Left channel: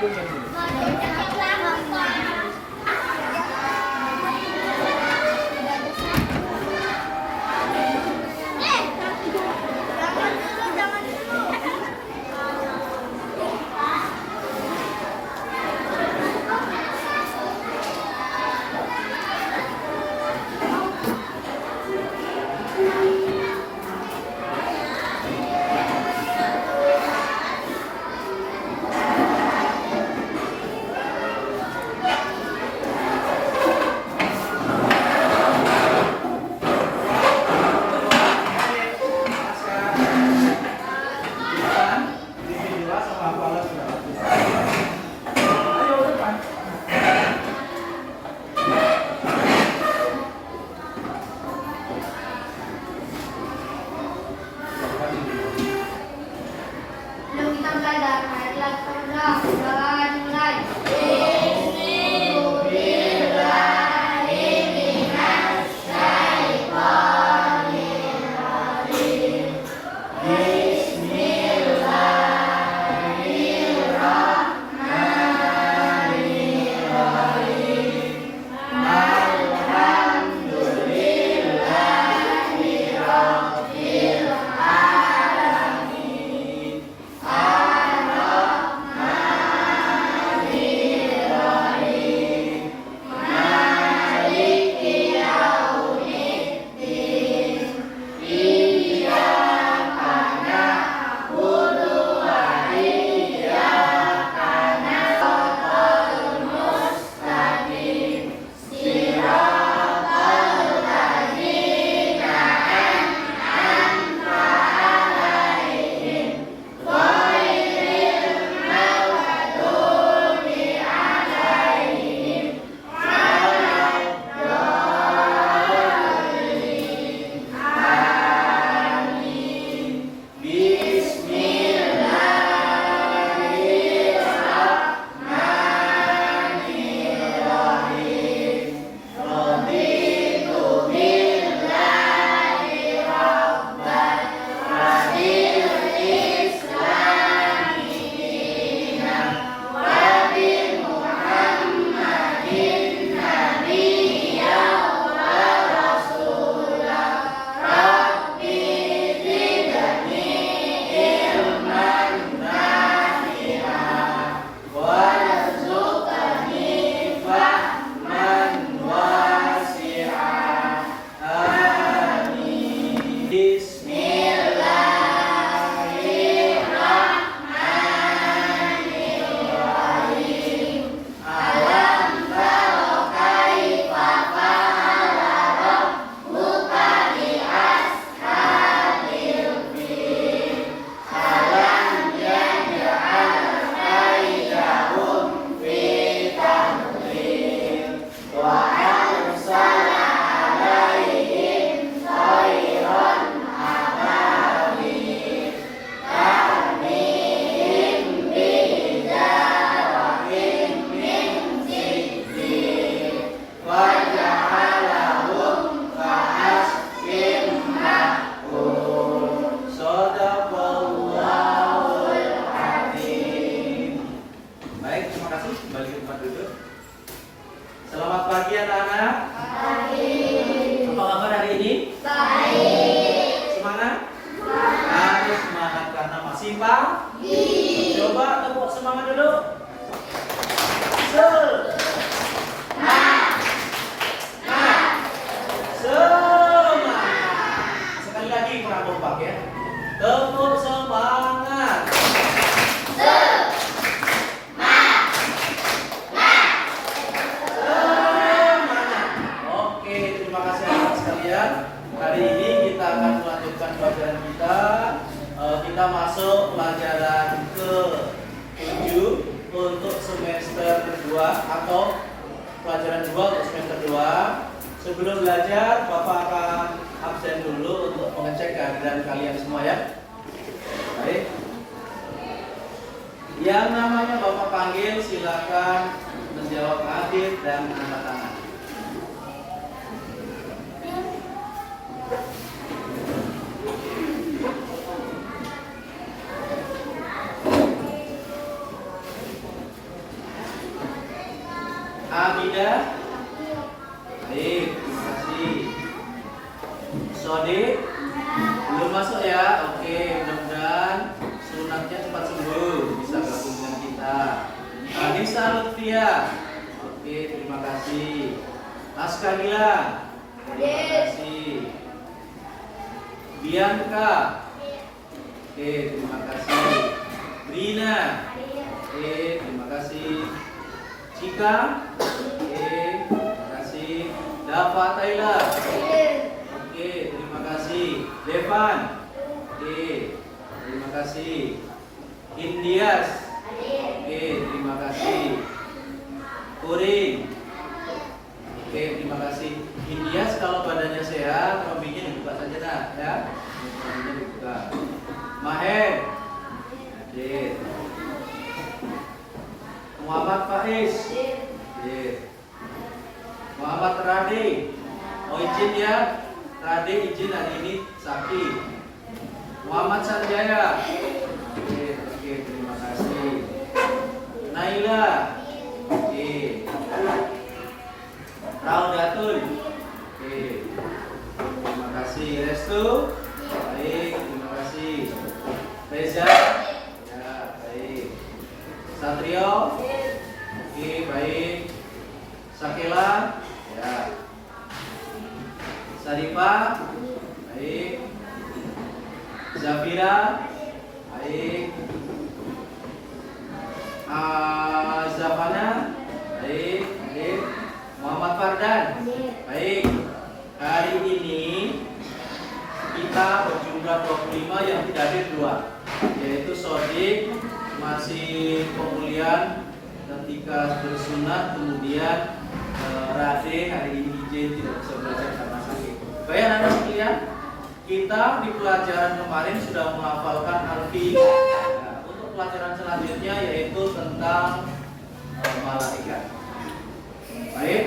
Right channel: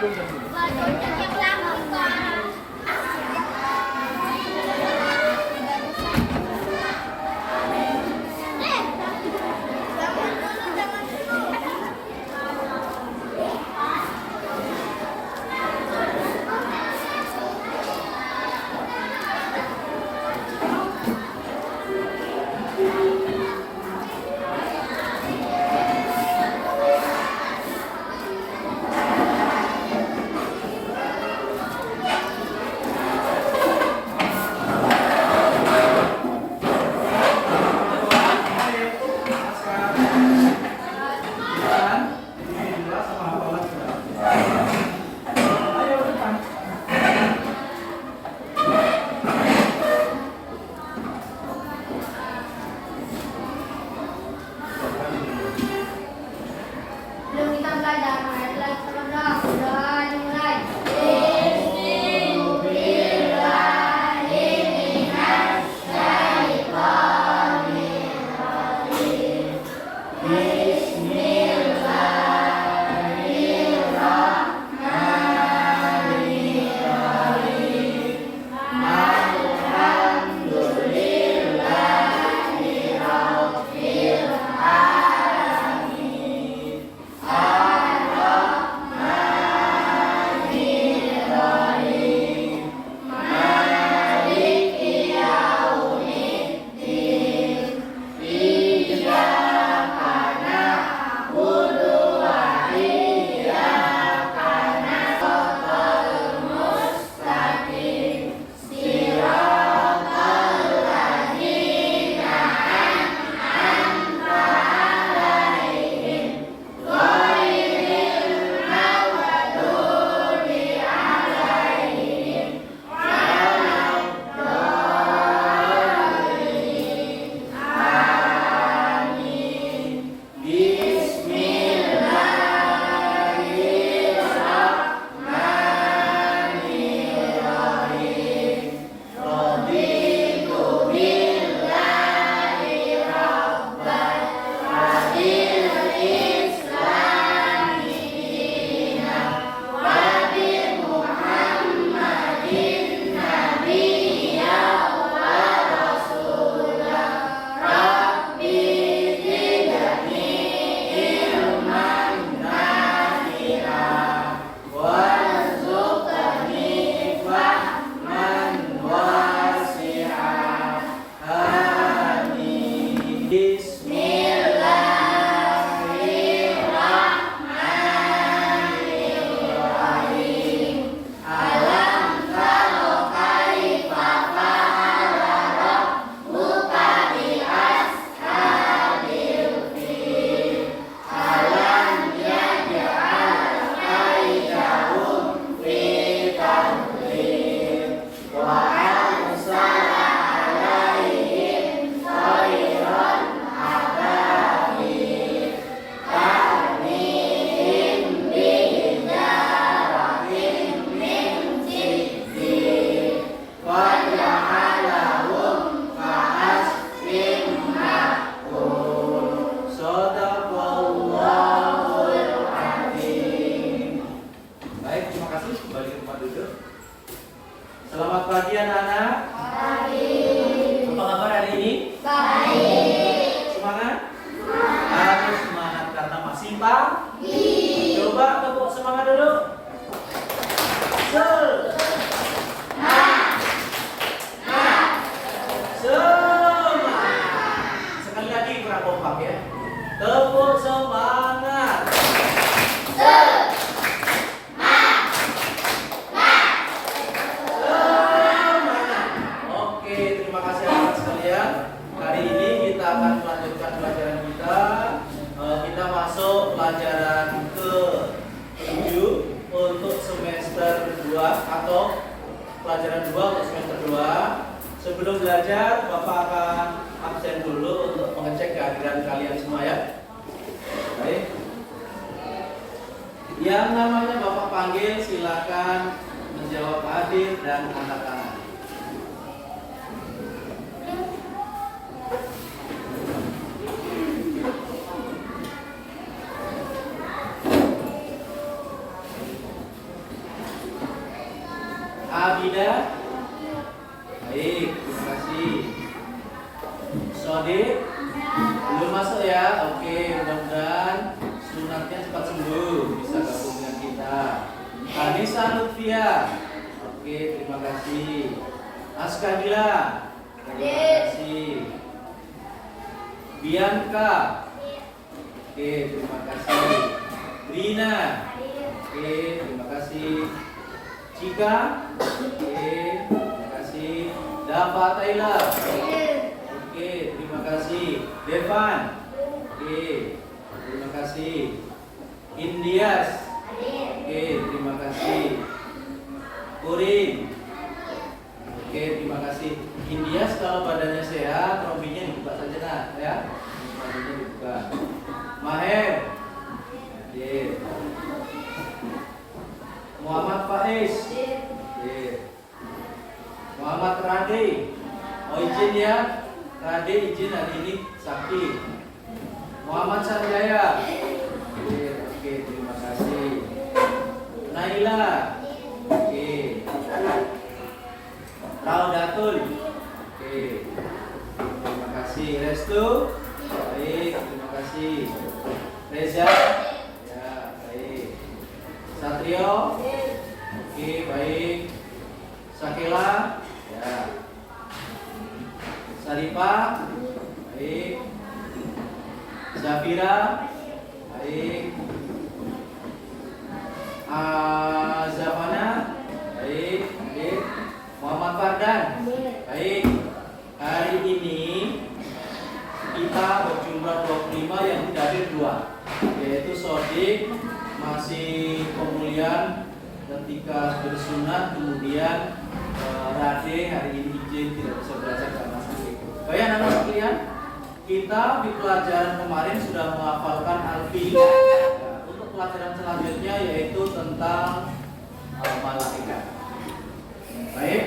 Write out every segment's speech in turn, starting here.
Yang lama, Pak. Jangan dulu. Belum kita belajar ayat lagi paragraf. Udah dimulai. Selamat pagi anak-anak. Pagi. Apa kabar hari ini? Baik. Semangat? Harus semangat karena masih pagi. Coba tepuk semangat dulu. Semangat. Sekali lagi kurang kompak ya. Tepuk semangat. Hari ini kita akan melanjutkan pelajaran kita. Kita masuk pelajaran ke-7 untuk semester 2 atau pelajaran 2 untuk semester 2. Sebelum belajar, Bapak akan absen dulu untuk mengecek kehadiran kalian semua ya. Baik. Yang namanya Bapak panggil silakan menjawab hadir dan angkat tangan. Abida. Baik, terima kasih. Sodik. Belum masuk ya. Oke, mudah-mudahan sunatnya cepat sembuh, bisa gabung dengan kita. Anissa Lutfia. Oke, terima kasih. Askagila. Terima kasih. Bianca. Oke, terima kasih. Brina. Oke, terima kasih. Cika. Oke, terima kasih. Dava Taylor. Oke, terima kasih. Devan. Oke, terima kasih. Indias. Oke, terima kasih. Kuring. Oke, terima kasih. Indias kalau badannya sehat, rombinya dibuka saja nah, ya. Rombinya dibuka. Maher. Hadir. Muhammad Faiz. Hadir. Muhammad Rade. Oh izin ya. Rade izin hari ini sakit. Muhammad Sanjaya. Oke, terima kasih. Naila. Oke. Raudatul. Oke. Terima kasih. Restu. Baik, terima kasih. Reza. Ya, baik. Satrio. Oke, baik. Sakila. Ya. Sarifa. Baik. Zafira. Baik. Zafana. Baik. Baik. Muhammad Fardan. Baik. Hari ini kita berjumlah 25 yang tidak hadir 2, yaitu Sodik masih pemulihan ketika bersunat, kemudian Rade hari ini izin tidak bisa belajar karena sakit. Baik anak-anak sekalian, kita di pelajaran kemarin sudah menghafalkan Alfi. Untuk pelajaran selanjutnya yaitu tentang malaikat. Baik,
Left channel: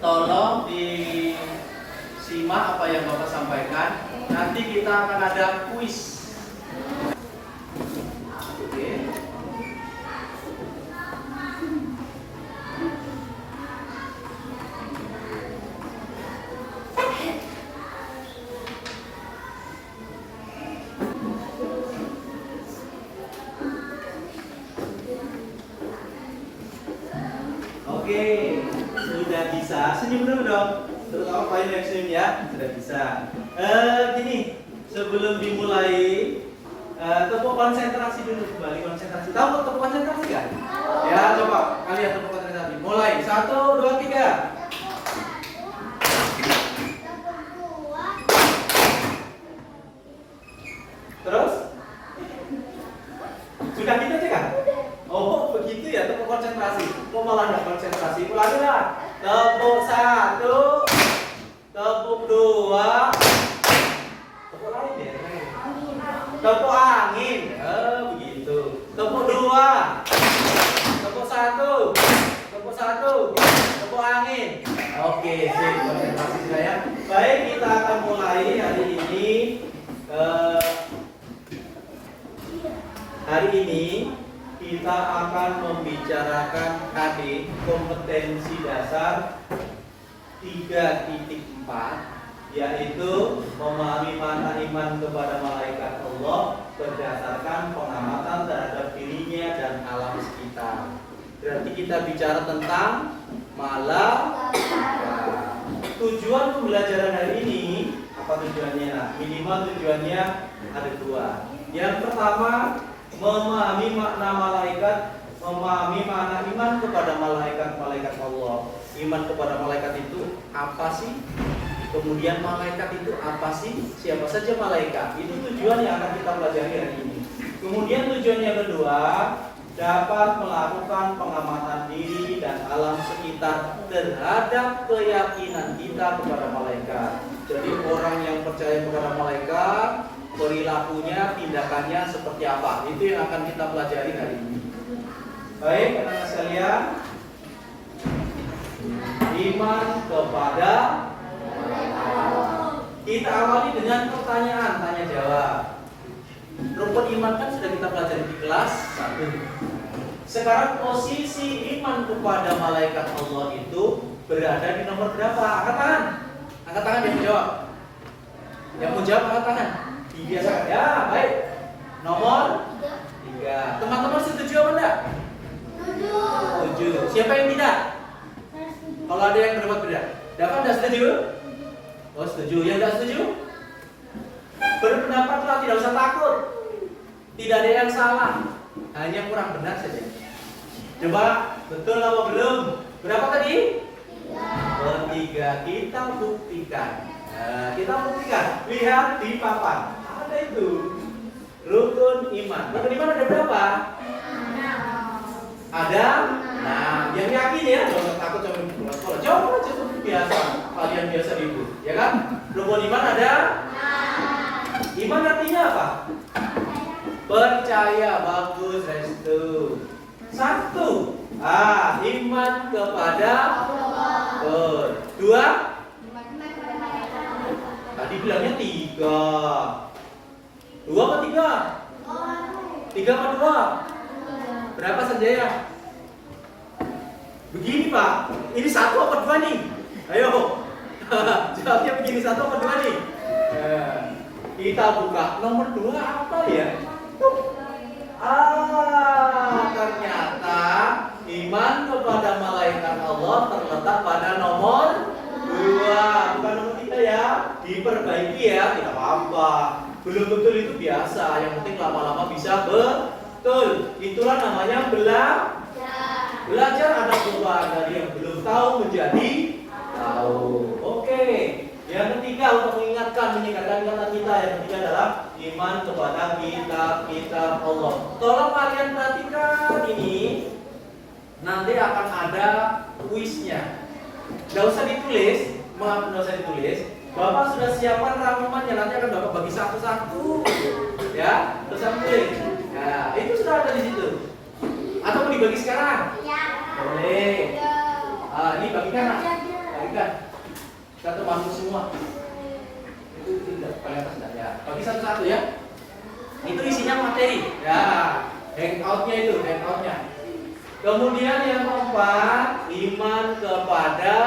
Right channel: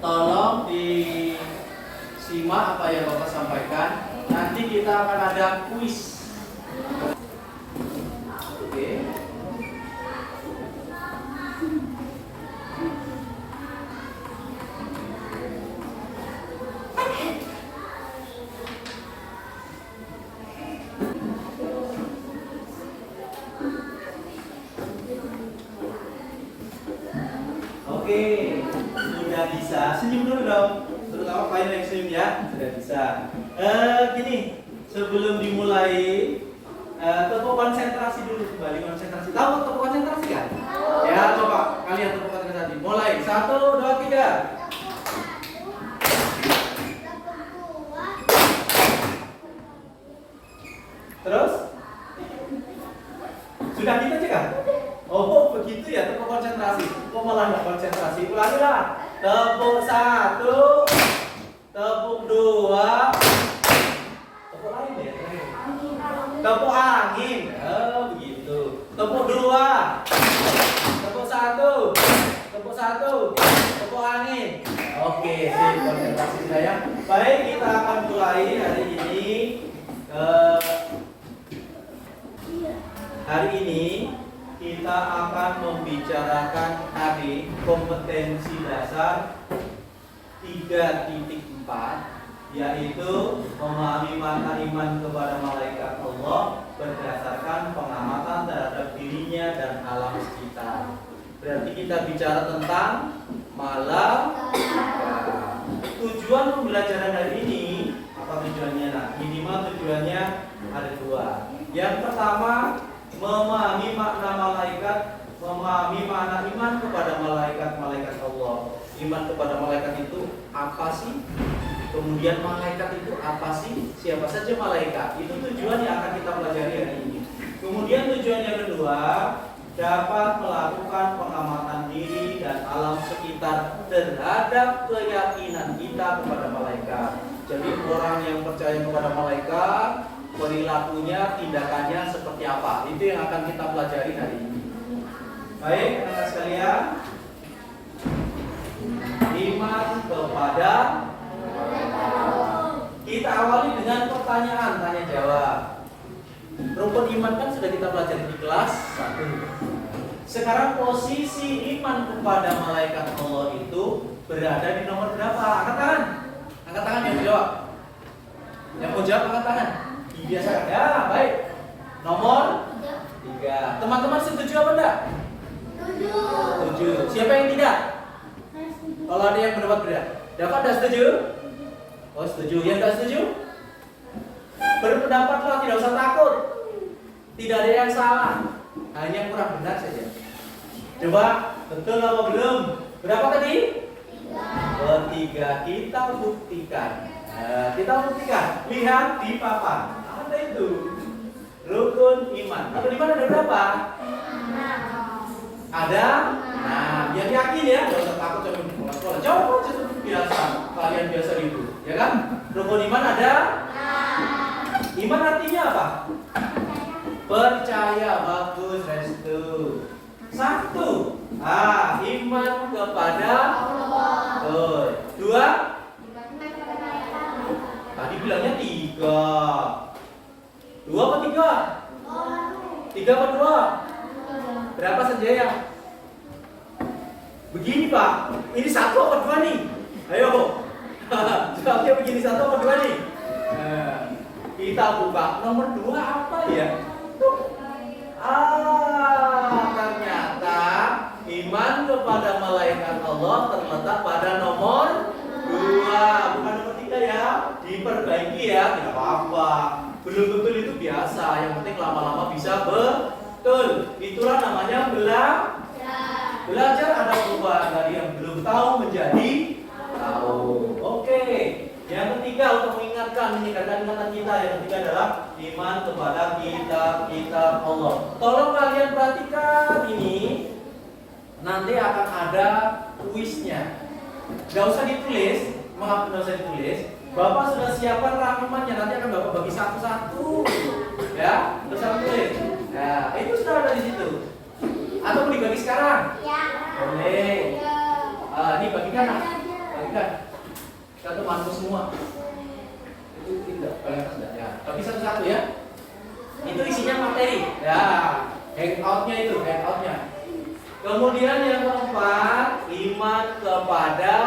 tolong disimak apa yang Bapak sampaikan. Nanti kita akan ada kuis. Oke. Oke, sudah bisa. Senyum dulu dong. Terutama kalian yang senyum ya, sudah bisa. Gini, sebelum dimulai, tepuk konsentrasi dulu kembali konsentrasi. Tahu tepuk konsentrasi kan? Ya, coba kalian tepuk konsentrasi. Mulai 1, 2, 3. Terus? Sudah gitu aja kan? Oh begitu ya, tepuk konsentrasi. Kok malah nggak konsentrasi? Ulangi lah. Tepuk 1, tepuk 2, tepuk lain ya. Tepuk angin. Begitu. Tepuk 2, tepuk 1, tepuk 1, tepuk angin. Oke, sip, konsentrasi sudah ya. Baik, kita akan mulai hari ini. Hari ini kita akan membicarakan tadi kompetensi dasar 3.4, yaitu memahami makna iman kepada malaikat Allah berdasarkan pengamatan terhadap dirinya dan alam sekitar. Berarti kita bicara tentang malaikat. Tujuan pembelajaran hari ini apa tujuannya? Nah, minimal tujuannya ada 2. Yang pertama, memahami makna malaikat, memahami makna iman kepada malaikat Allah. Iman kepada malaikat itu apa sih? Kemudian malaikat itu apa sih? Siapa saja malaikat? Itu tujuan yang akan kita pelajari hari ini. Kemudian tujuan yang kedua, dapat melakukan pengamatan diri dan alam sekitar terhadap keyakinan kita kepada malaikat. Jadi orang yang percaya kepada malaikat, perilakunya, tindakannya seperti apa? Itu yang akan kita pelajari hari ini. Baik, anak-anak sekalian, iman kepada kita awali dengan pertanyaan tanya jawab. Rumput iman kan sudah kita pelajari di kelas 1. Sekarang posisi iman kepada malaikat Allah itu berada di nomor berapa? Angkat tangan. Angkat tangan yang menjawab. Yang mau jawab angkat tangan. Biasakan ya, baik. Nomor 3. Teman-teman setuju apa enggak? Setuju. Siapa yang tidak? Kalau ada yang berpendapat beda. Dapat enggak setuju? Oh, setuju. Yang enggak setuju? Berpendapatlah, tidak usah takut. Tidak ada yang salah. Hanya kurang benar saja. Coba, betul apa belum? Berapa tadi? 3. Kita buktikan. Nah, kita buktikan. Lihat di papan. Ada itu. Rukun iman. Rukun iman ada berapa? Ada? Nah, biar yakin ya. Jangan takut sama sekolah. Coba seperti biasa. Kalian biasa ribut, ya kan? Rukun iman ada? Iman artinya apa? Percaya. Bagus, Restu. 1. Iman kepada Allah. 2. Tadi bilangnya 3. 2 apa 3? 3 apa 2? Berapa Sanjaya? Begini Pak. Ini 1 apa 2 nih? Ayo. Jawabnya begini, 1 apa 2 nih? Kita buka nomor 2 apa ya? Ternyata iman kepada malaikat Allah terletak pada nomor 2, bukan nomor 3 ya. Diperbaiki ya, tidak apa-apa. Belum betul itu biasa, yang penting lama-lama bisa betul. Itulah namanya belajar. Ada perubahan dari yang belum tahu menjadi tahu. Oke. Yang ketiga, untuk mengingatkan, meningkatkan ingatan kita, yang ketiga adalah iman kepada kitab Allah. Tolong kalian perhatikan ini. Nanti akan ada kuisnya. Nggak usah ditulis, maaf, nggak usah ditulis. Bapak sudah siapkan rangkumannya, nanti akan Bapak bagi satu-satu. Ya, nggak usah tulis. Ya, itu sudah ada di situ. Atau mau dibagi sekarang? Ya. Boleh. Ini bagikan, bagikan. Kita temanku semua. Itu tidak, paling atas tidak. Ya, bagi satu-satu ya. Itu isinya materi. Ya, hangoutnya itu, hangoutnya. Kemudian yang keempat, iman kepada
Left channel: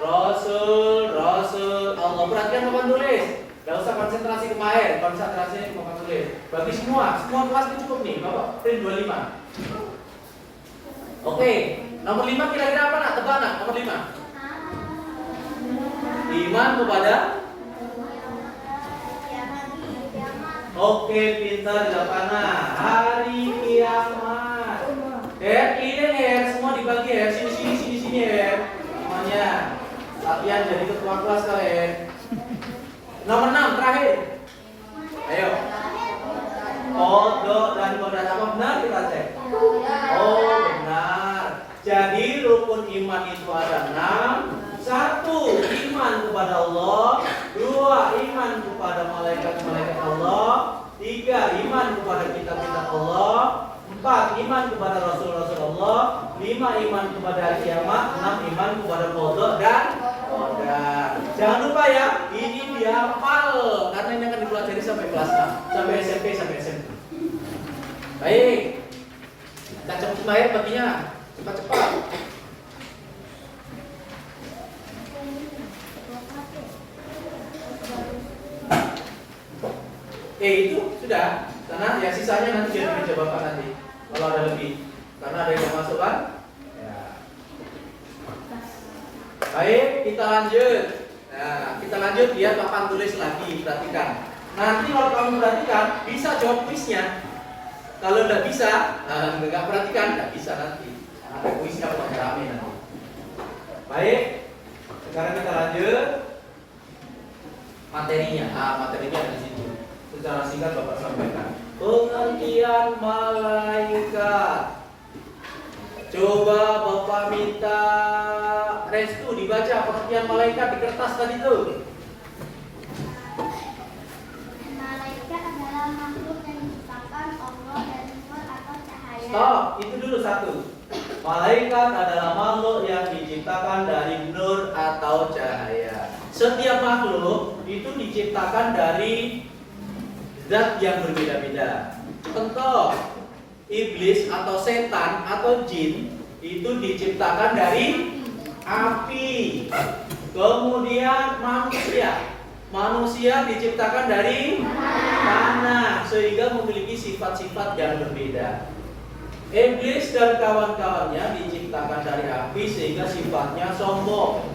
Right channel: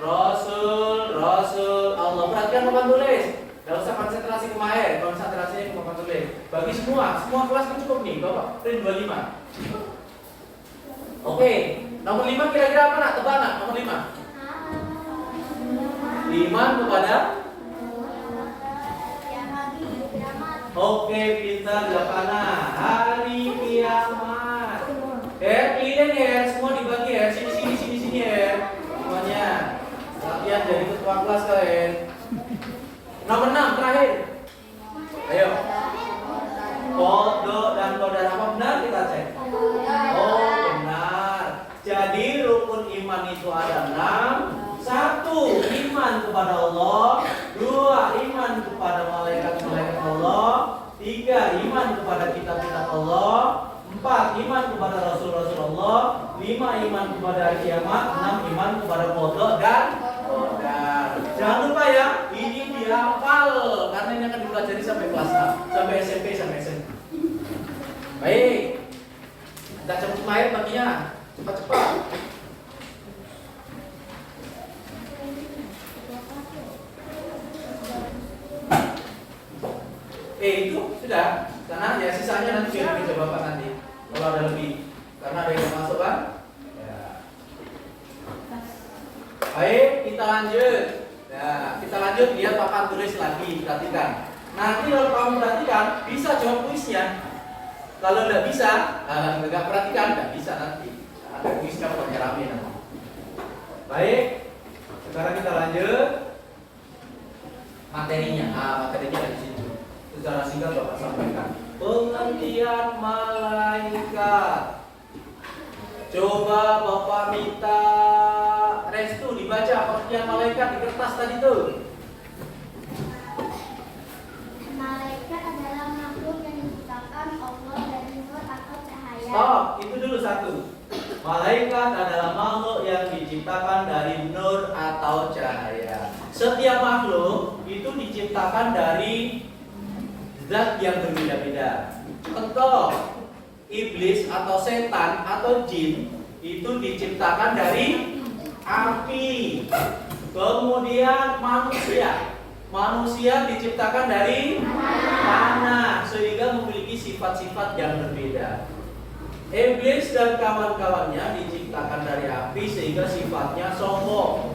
Rasul Allah. Perhatian papan tulis. Gak usah konsentrasi kemarin, konsentrasinya ke papan tulis. Bagi semua kelas itu cukup nih, Bapak. Print 25. Oke, nomor 5 kira-kira apa nak? Tebak nak, nomor 5. Iman kepada. Oke, pintar jawabannya. Hari kiamat. Ini semua dibagi ya. Sini ya. Semuanya. Latihan jadi ketua kelas kalian. Nomor 6 terakhir. Ayo. Kodok dan kodok apa benar kita cek? Oh benar. Jadi rukun iman itu ada 6. 1. Iman kepada Allah. 2. Iman kepada malaikat-malaikat Allah. 3. Iman kepada kitab-kitab Allah. 4. Iman kepada Rasul-Rasul Allah. 5. Iman kepada kiamat. 6. Iman kepada kodok dan kodar. Jangan lupa ya, ini dihafal karena ini akan dipelajari sampai kelas 6, sampai SMP, sampai SMP. Baik, kita cepat lahir baginya, cepat-cepat. Itu sudah, karena ya sisanya nanti jadi dicoba nanti. Kalau ada lebih, karena ada yang masuk kan? Ya. Baik, kita lanjut. Nah, kita lanjut, lihat papan tulis lagi, perhatikan. Nanti kalau kamu perhatikan, bisa jawab kuisnya. Kalau nggak bisa, nggak perhatikan, nggak bisa nanti. Ada kuisnya pokoknya rame nanti. Baik, sekarang kita lanjut materinya. Materinya ada di situ. Secara singkat Bapak sampaikan. Pengertian malaikat. Coba Bapak minta Restu dibaca pengertian malaikat di kertas tadi tuh. Malaikat adalah makhluk yang diciptakan Allah dari nur atau cahaya. Stop, itu dulu satu. Malaikat adalah makhluk yang diciptakan dari nur atau cahaya. Setiap makhluk itu diciptakan dari zat yang berbeda-beda. Contoh, iblis atau setan atau jin itu diciptakan dari api. Kemudian manusia diciptakan dari tanah, sehingga memiliki sifat-sifat yang berbeda. Iblis dan kawan-kawannya diciptakan dari api sehingga sifatnya sombong.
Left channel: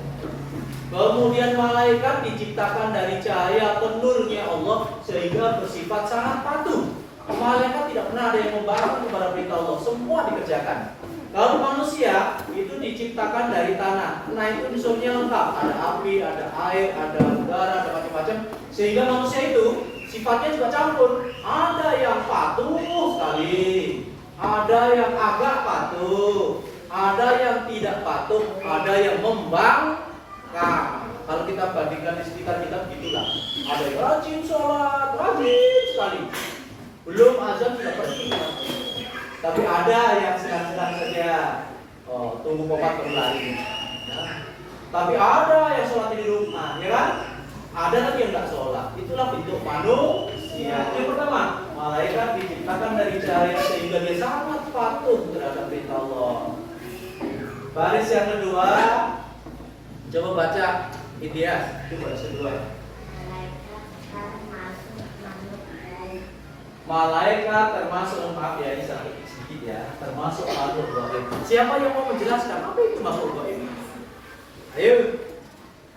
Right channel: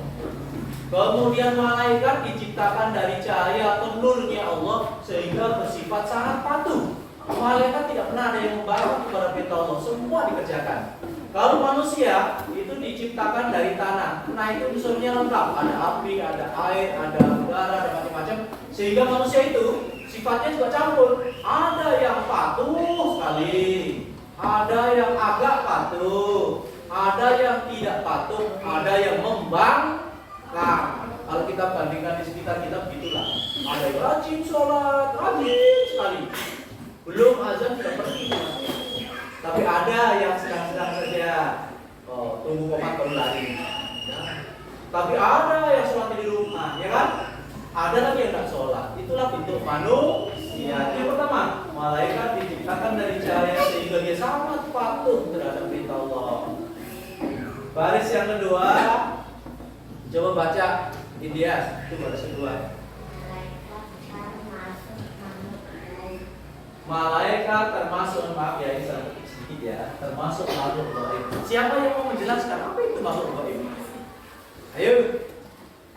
Kemudian malaikat diciptakan dari cahaya atau nurnya Allah sehingga bersifat sangat patuh. Malaikat tidak pernah ada yang membalas kepada perintah Allah, semua dikerjakan. Kalau manusia itu diciptakan dari tanah, nah itu unsurnya lengkap, ada api, ada air, ada udara, ada macam-macam. Sehingga manusia itu sifatnya juga campur. Ada yang patuh sekali, ada yang agak patuh, ada yang tidak patuh, ada yang membangkang. Kalau kita bandingkan di sekitar kita begitulah. Ada yang rajin sholat, rajin sekali. Belum azan sudah pergi ke masjid. Tapi ada yang sedang-sedang saja, tunggu komat baru lari. Tapi ada yang sholat di rumah, ya kan? Ada lagi yang nggak sholat. Itulah bentuk manusia. Yang pertama, malaikat diciptakan dari cahaya sehingga dia sangat patuh terhadap perintah Allah. Baris yang kedua, coba baca Indias. Itu baris kedua. Malaikat termasuk, maaf ya ini sangat sedikit ya, termasuk makhluk gaib. Siapa yang mau menjelaskan apa itu makhluk gaib? Ayo,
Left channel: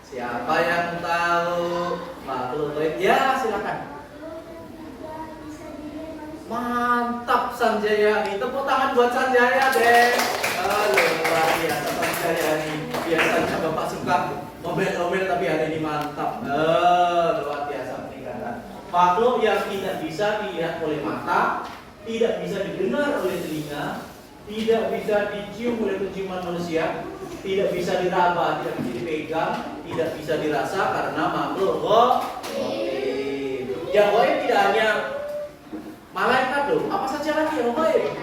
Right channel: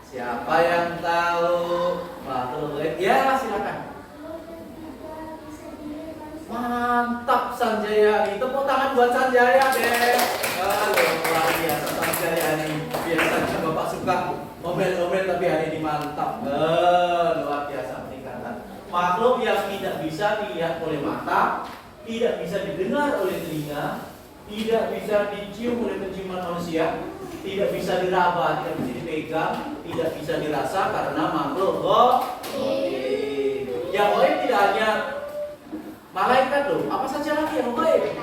siapa yang tahu makhluk gaib? Ya silakan. Mantap Sanjaya, tepuk tangan buat Sanjaya deh. Halo, luar biasa Sanjaya ini. Biasanya Bapak suka ngomel-ngomel tapi hari ini mantap. Luar biasa peningkatan. Makhluk yang tidak bisa dilihat oleh mata, tidak bisa didengar oleh telinga, tidak bisa dicium oleh penciuman manusia, tidak bisa diraba, tidak bisa dipegang, tidak bisa dirasa karena makhluk gaib. Yang gaib tidak hanya malaikat loh, apa saja lagi yang gaib?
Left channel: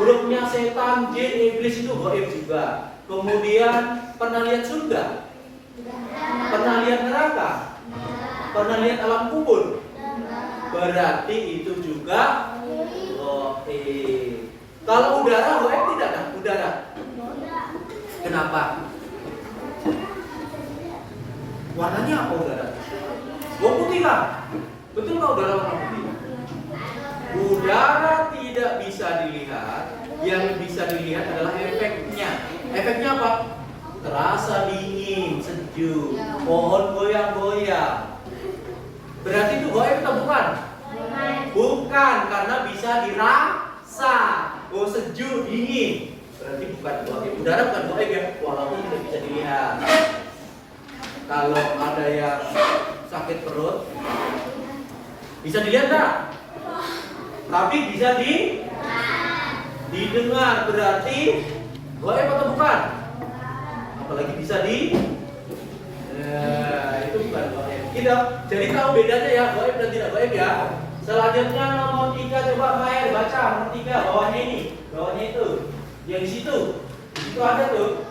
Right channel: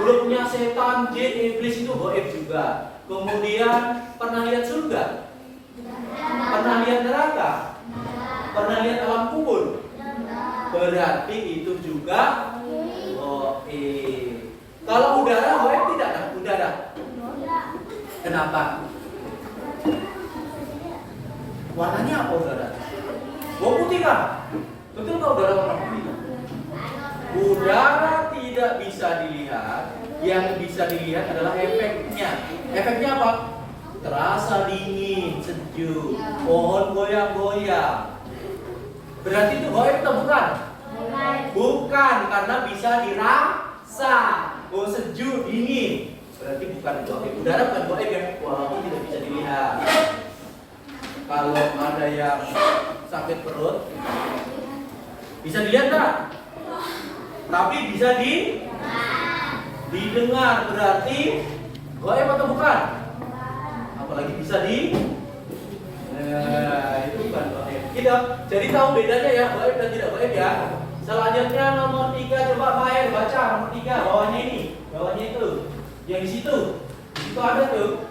Grupnya setan, jin, iblis itu gaib juga. Kemudian pernah lihat surga? Pernah lihat neraka? Pernah lihat alam kubur? Berarti itu juga gaib. Kalau udara gaib tidak kan? Udara. Kenapa? Warnanya apa udara? Warna putih kan? Betul nggak udara warna putih? Udara tidak bisa dilihat. Yang bisa dilihat adalah efeknya. Efeknya apa? Terasa dingin, sejuk, pohon goyang-goyang. Berarti itu gaib atau bukan? Bukan, karena bisa dirasa. Oh, sejuk, dingin. Berarti bukan gaib. Udara bukan gaib ya, walaupun tidak bisa dilihat. Kalau ada yang sakit perut, bisa dilihat nggak? Tapi bisa didengar. Berarti gaib atau bukan? Apalagi bisa itu bukan gaib. Kita jadi tahu bedanya ya, gaib dan tidak gaib ya. Selanjutnya nomor 3, coba Maher baca nomor 3, bawahnya ini, bawahnya itu, yang di situ ada tuh.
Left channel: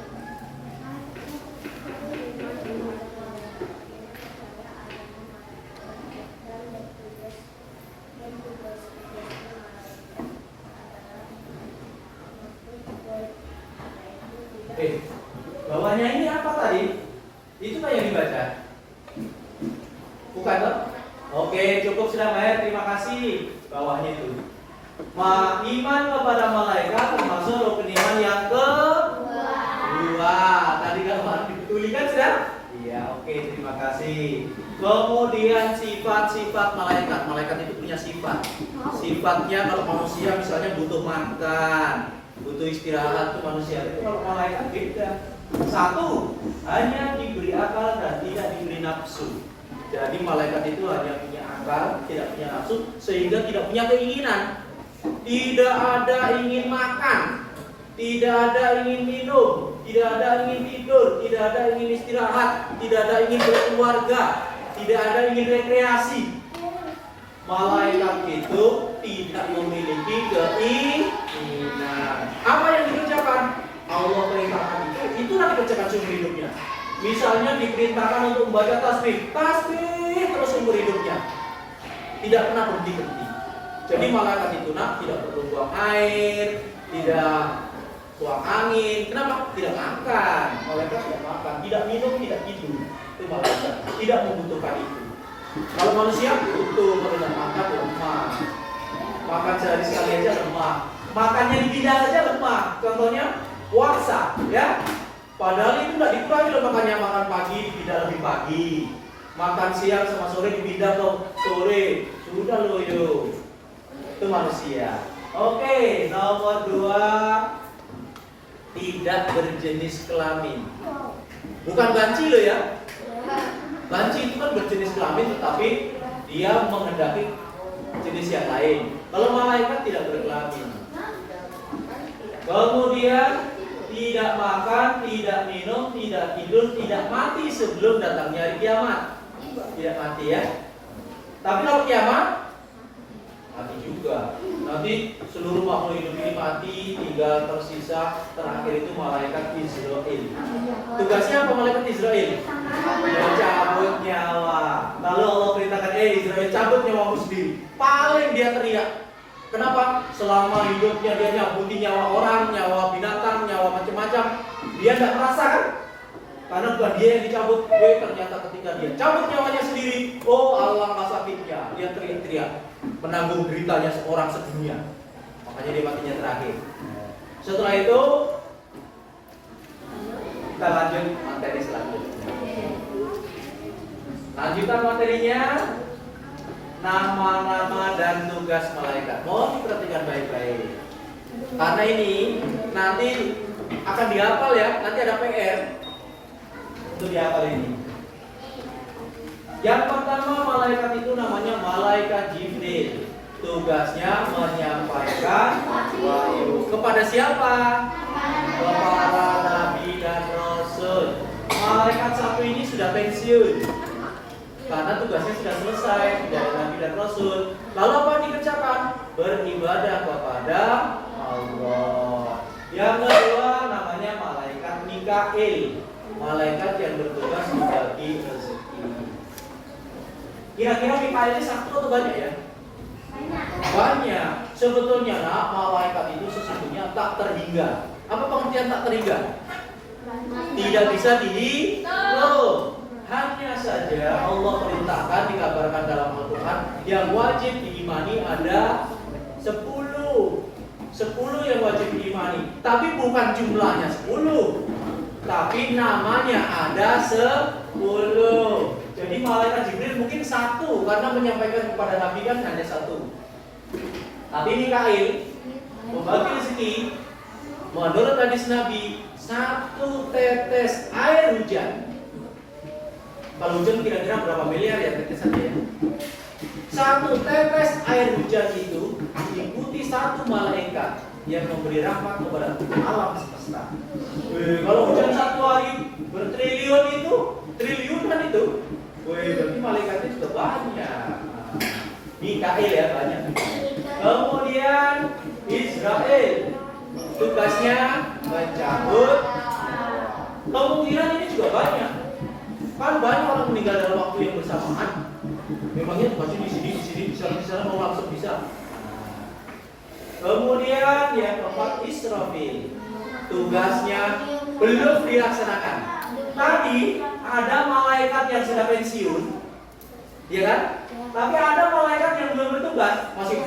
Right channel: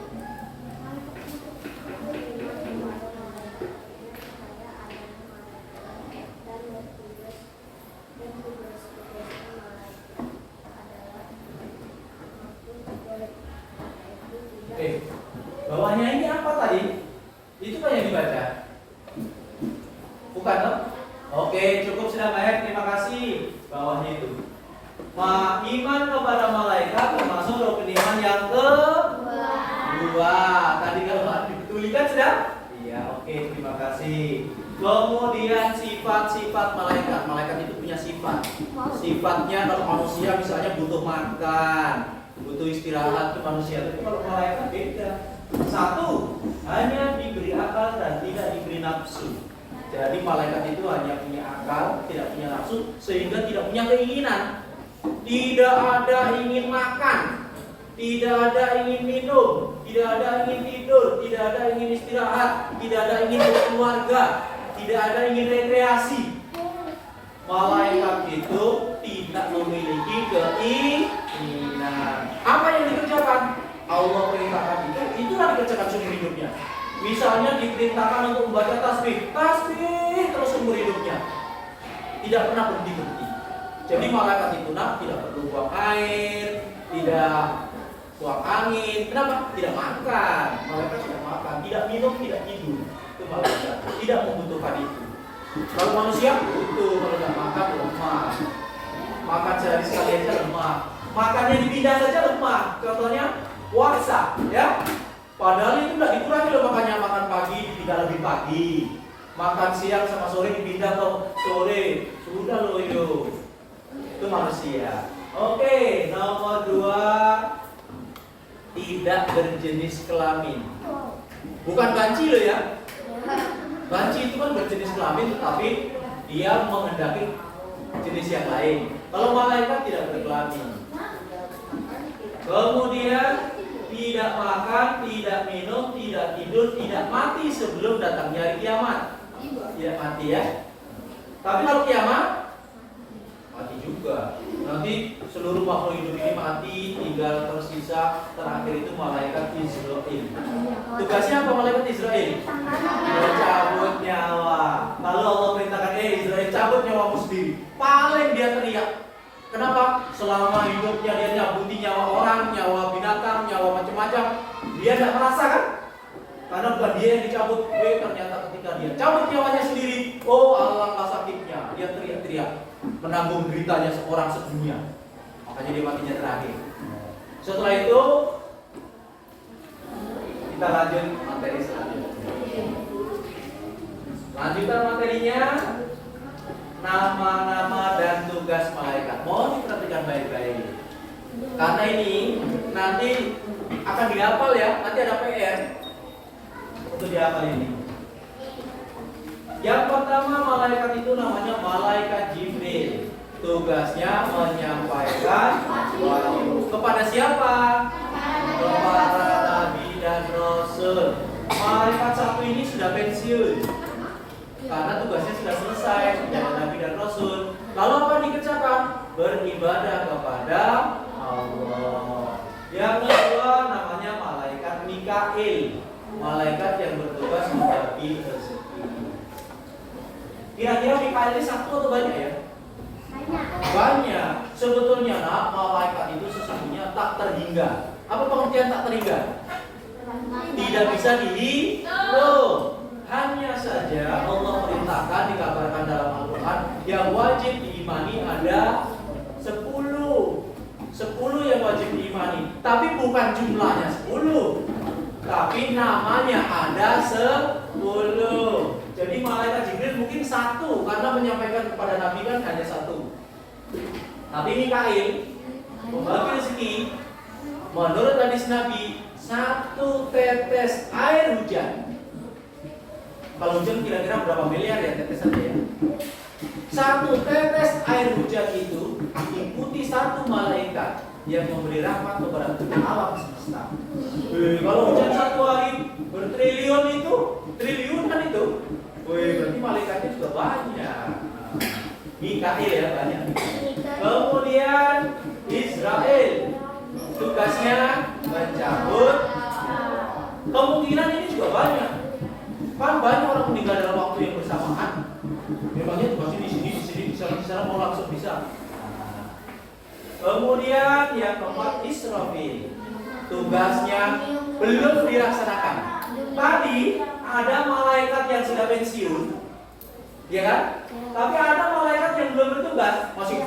Oke, bawahnya ini apa tadi? Itu kan yang dibaca. Bukan toh? Oke, cukup sudah Maher, terima kasih. Bawahnya itu. Iman kepada malaikat termasuk rukun iman yang kedua. Tadi kalau dituliskan sudah? Iya, oke, terima kasih. Kemudian sifat-sifat malaikat. Malaikat itu punya sifat. Sifatnya kalau manusia misalnya butuh makan, butuh istirahat tuh manusia. Tapi kalau malaikat beda. Satu, hanya diberi akal dan tidak diberi nafsu. Jadi malaikat itu hanya punya akal, tidak punya nafsu, sehingga tidak punya keinginan. Tidak ada ingin makan, tidak ada ingin minum, tidak ada ingin tidur, tidak ada ingin istirahat, tidak ada ingin berkeluarga, tidak ada ingin rekreasi. Malaikat itu tidak memiliki keinginan. Apa yang dikerjakan? Allah perintahkan itulah dikerjakan seumur hidupnya. Misalnya diperintahkan untuk membaca tasbih terus seumur hidupnya, tidak pernah berhenti. Jadi malaikat itu tidak perlu buang air, tidak buang angin. Kenapa? Tidak makan. Malaikat tidak makan, tidak minum, tidak tidur. Itu malaikat. Tidak membutuhkan itu. Kalau manusia butuh, kalau tidak makan lemah. Makan sehari sekali aja lemah. Makannya dipindah saja lemah. Contohnya puasa, ya. Padahal itu tidak dikurangi loh, makanya makan pagi dipindah lebih pagi. Makan siang sama sore dipindah ke sore. Sudah loh yo. Itu manusia. Oke, nomor 2, tidak berjenis kelamin. Bukan banci loh ya. Banci itu kan berjenis kelamin, tetapi dia menghendaki jenis yang lain. Kalau malaikat tidak berkelamin. Kemudian tidak makan, tidak minum, tidak tidur, tidak mati sebelum datangnya hari kiamat. Tidak mati ya. Tapi kalau kiamat mati juga. Nanti seluruh makhluk hidup ini mati, tinggal tersisa terakhir itu malaikat Israel. Tugasnya apa malaikat Israel? Dia cabut nyawa. Lalu Allah perintahkan, Israel cabut nyawamu sendiri. Paling dia teriak. Kenapa? Selama hidupnya dia nyabuti nyawa orang, nyawa binatang, nyawa macam-macam, dia tidak merasa kan? Karena bukan dia yang dicabut, ternyata ketika dia cabut nyawanya sendiri, oh alangkah sakitnya, dia teriak-teriak, menanggung deritanya seorang sedunia. Makanya dia matinya terakhir. Setelah itu kita lanjut materi selanjutnya. Lanjutan materinya, nama-nama dan tugas malaikat. Mohon diperhatikan baik-baik. Karena ini nanti akan dihafal ya, nanti ada PR untuk dihafal ini. Yang pertama malaikat itu namanya malaikat Jibril. Tugasnya menyampaikan wahyu kepada siapa? Kepada nabi dan rasul. Malaikat satu ini sudah pensiun karena tugasnya sudah selesai menjadi nabi dan rasul. Lalu apa yang dikerjakan? Beribadah kepada Allah. Yang kedua namanya malaikat Mikail. Malaikat yang bertugas membagi rezeki. Kira-kira Mikail ini satu atau banyak ya? Banyak. Sebetulnya malaikat itu sesungguhnya tak terhingga. Apa pengertian tak terhingga? Tidak bisa dihitung. Hanya saja Allah perintahkan, dikabarkan dalam Al-Quran, yang wajib diimani ada 10 yang wajib diimani. Tapi bukan jumlahnya 10, tapi namanya ada 10. Jadi malaikat Jibril mungkin satu, karena menyampaikan kepada Nabi kan hanya satu. Tapi Mikail membagi rezeki. Menurut hadis Nabi, 1 tetes air hujan. Kalau hujan kira-kira berapa miliar ya tetesannya ya? 1 tetes air hujan itu diikuti 1 malaikat yang memberi rahmat kepada alam semesta. Kalau hujan 1 hari bertriliun itu, triliunan itu. Berarti malaikatnya juga banyak. Mikail ya banyak. Kemudian Israel tugasnya mencabut. Kemungkinan ini juga banyak. Kan banyak orang meninggal dalam waktu yang bersamaan. Memangnya masih di sini, di sana mau langsung bisa. Kemudian yang keempat Israfil. Tugasnya belum dilaksanakan. Tadi ada malaikat yang sudah pensiun, ya kan? Tapi ada malaikat yang belum bertugas, masih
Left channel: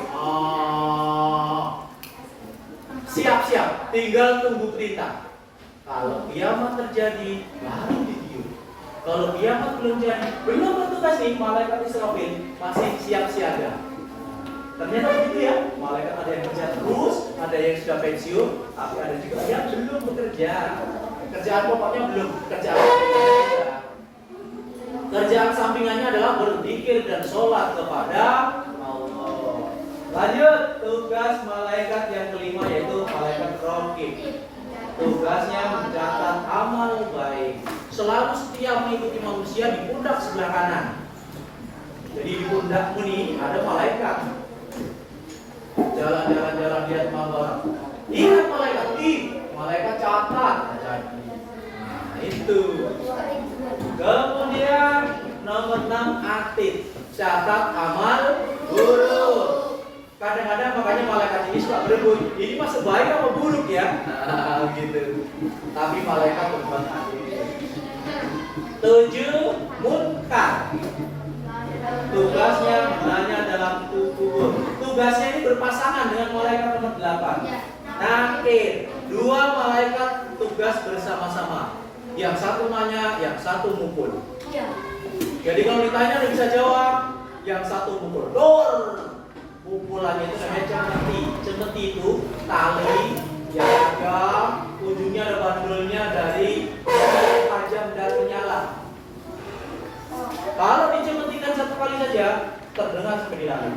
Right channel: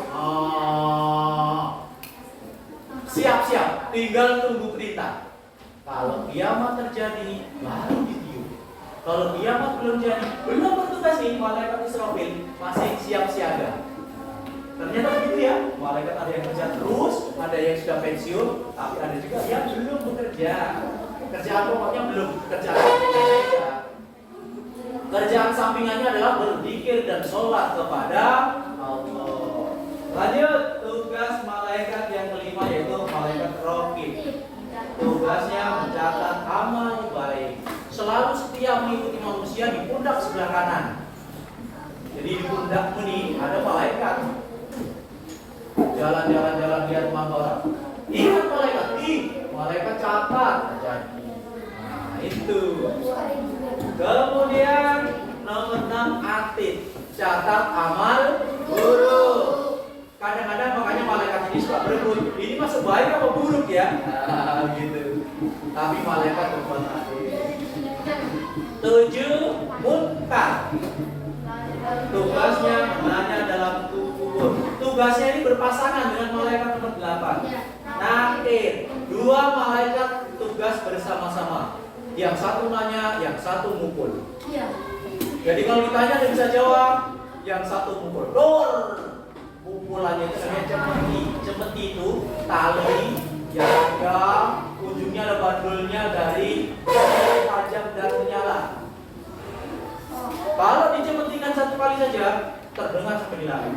siap-siap, tinggal tunggu perintah. Kalau kiamat terjadi, baru ditiup. Kalau kiamat belum jadi, belum bertugas nih, malaikat Israfil masih siap siaga. Ternyata begitu ya, malaikat ada yang kerja terus, ada yang sudah pensiun, tapi ada juga yang belum bekerja. Kerjaan pokoknya belum, kerjaan sampingannya. Kerjaan sampingannya adalah berzikir dan sholat kepada Allah. Lanjut, tugas malaikat yang kelima yaitu malaikat Raqib. Tugasnya mencatat amal baik. Selalu setia mengikuti manusia di pundak sebelah kanan. Jadi di pundakmu nih ada malaikat. Jalan dia mabara. Ingat malaikat, malaikat catat. Jadi, nah itu. Kemudian nomor 6 atid, catat amal buruk. Kadang berebut. Ini masuk baik apa buruk ya? Nah, gitu. Tapi malaikat berbuat adil. 7 munkar. Tugasnya gunanya dalam kubur. Tugasnya ini berpasangan dengan malaikat nomor 8. Nakir. 2 malaikat tugas bersama-sama. Yang satu nanya, yang satu mukul. Jadi kalau ditanya dia bisa jawab. Yang satu mukul. Dor. Pukulannya itu namanya cemeti. Cemeti itu tali yang ada ujungnya ada bandulnya dari tajam dan menyala. Kalau dicemetikan 1 kali saja terdengar sampai di langit.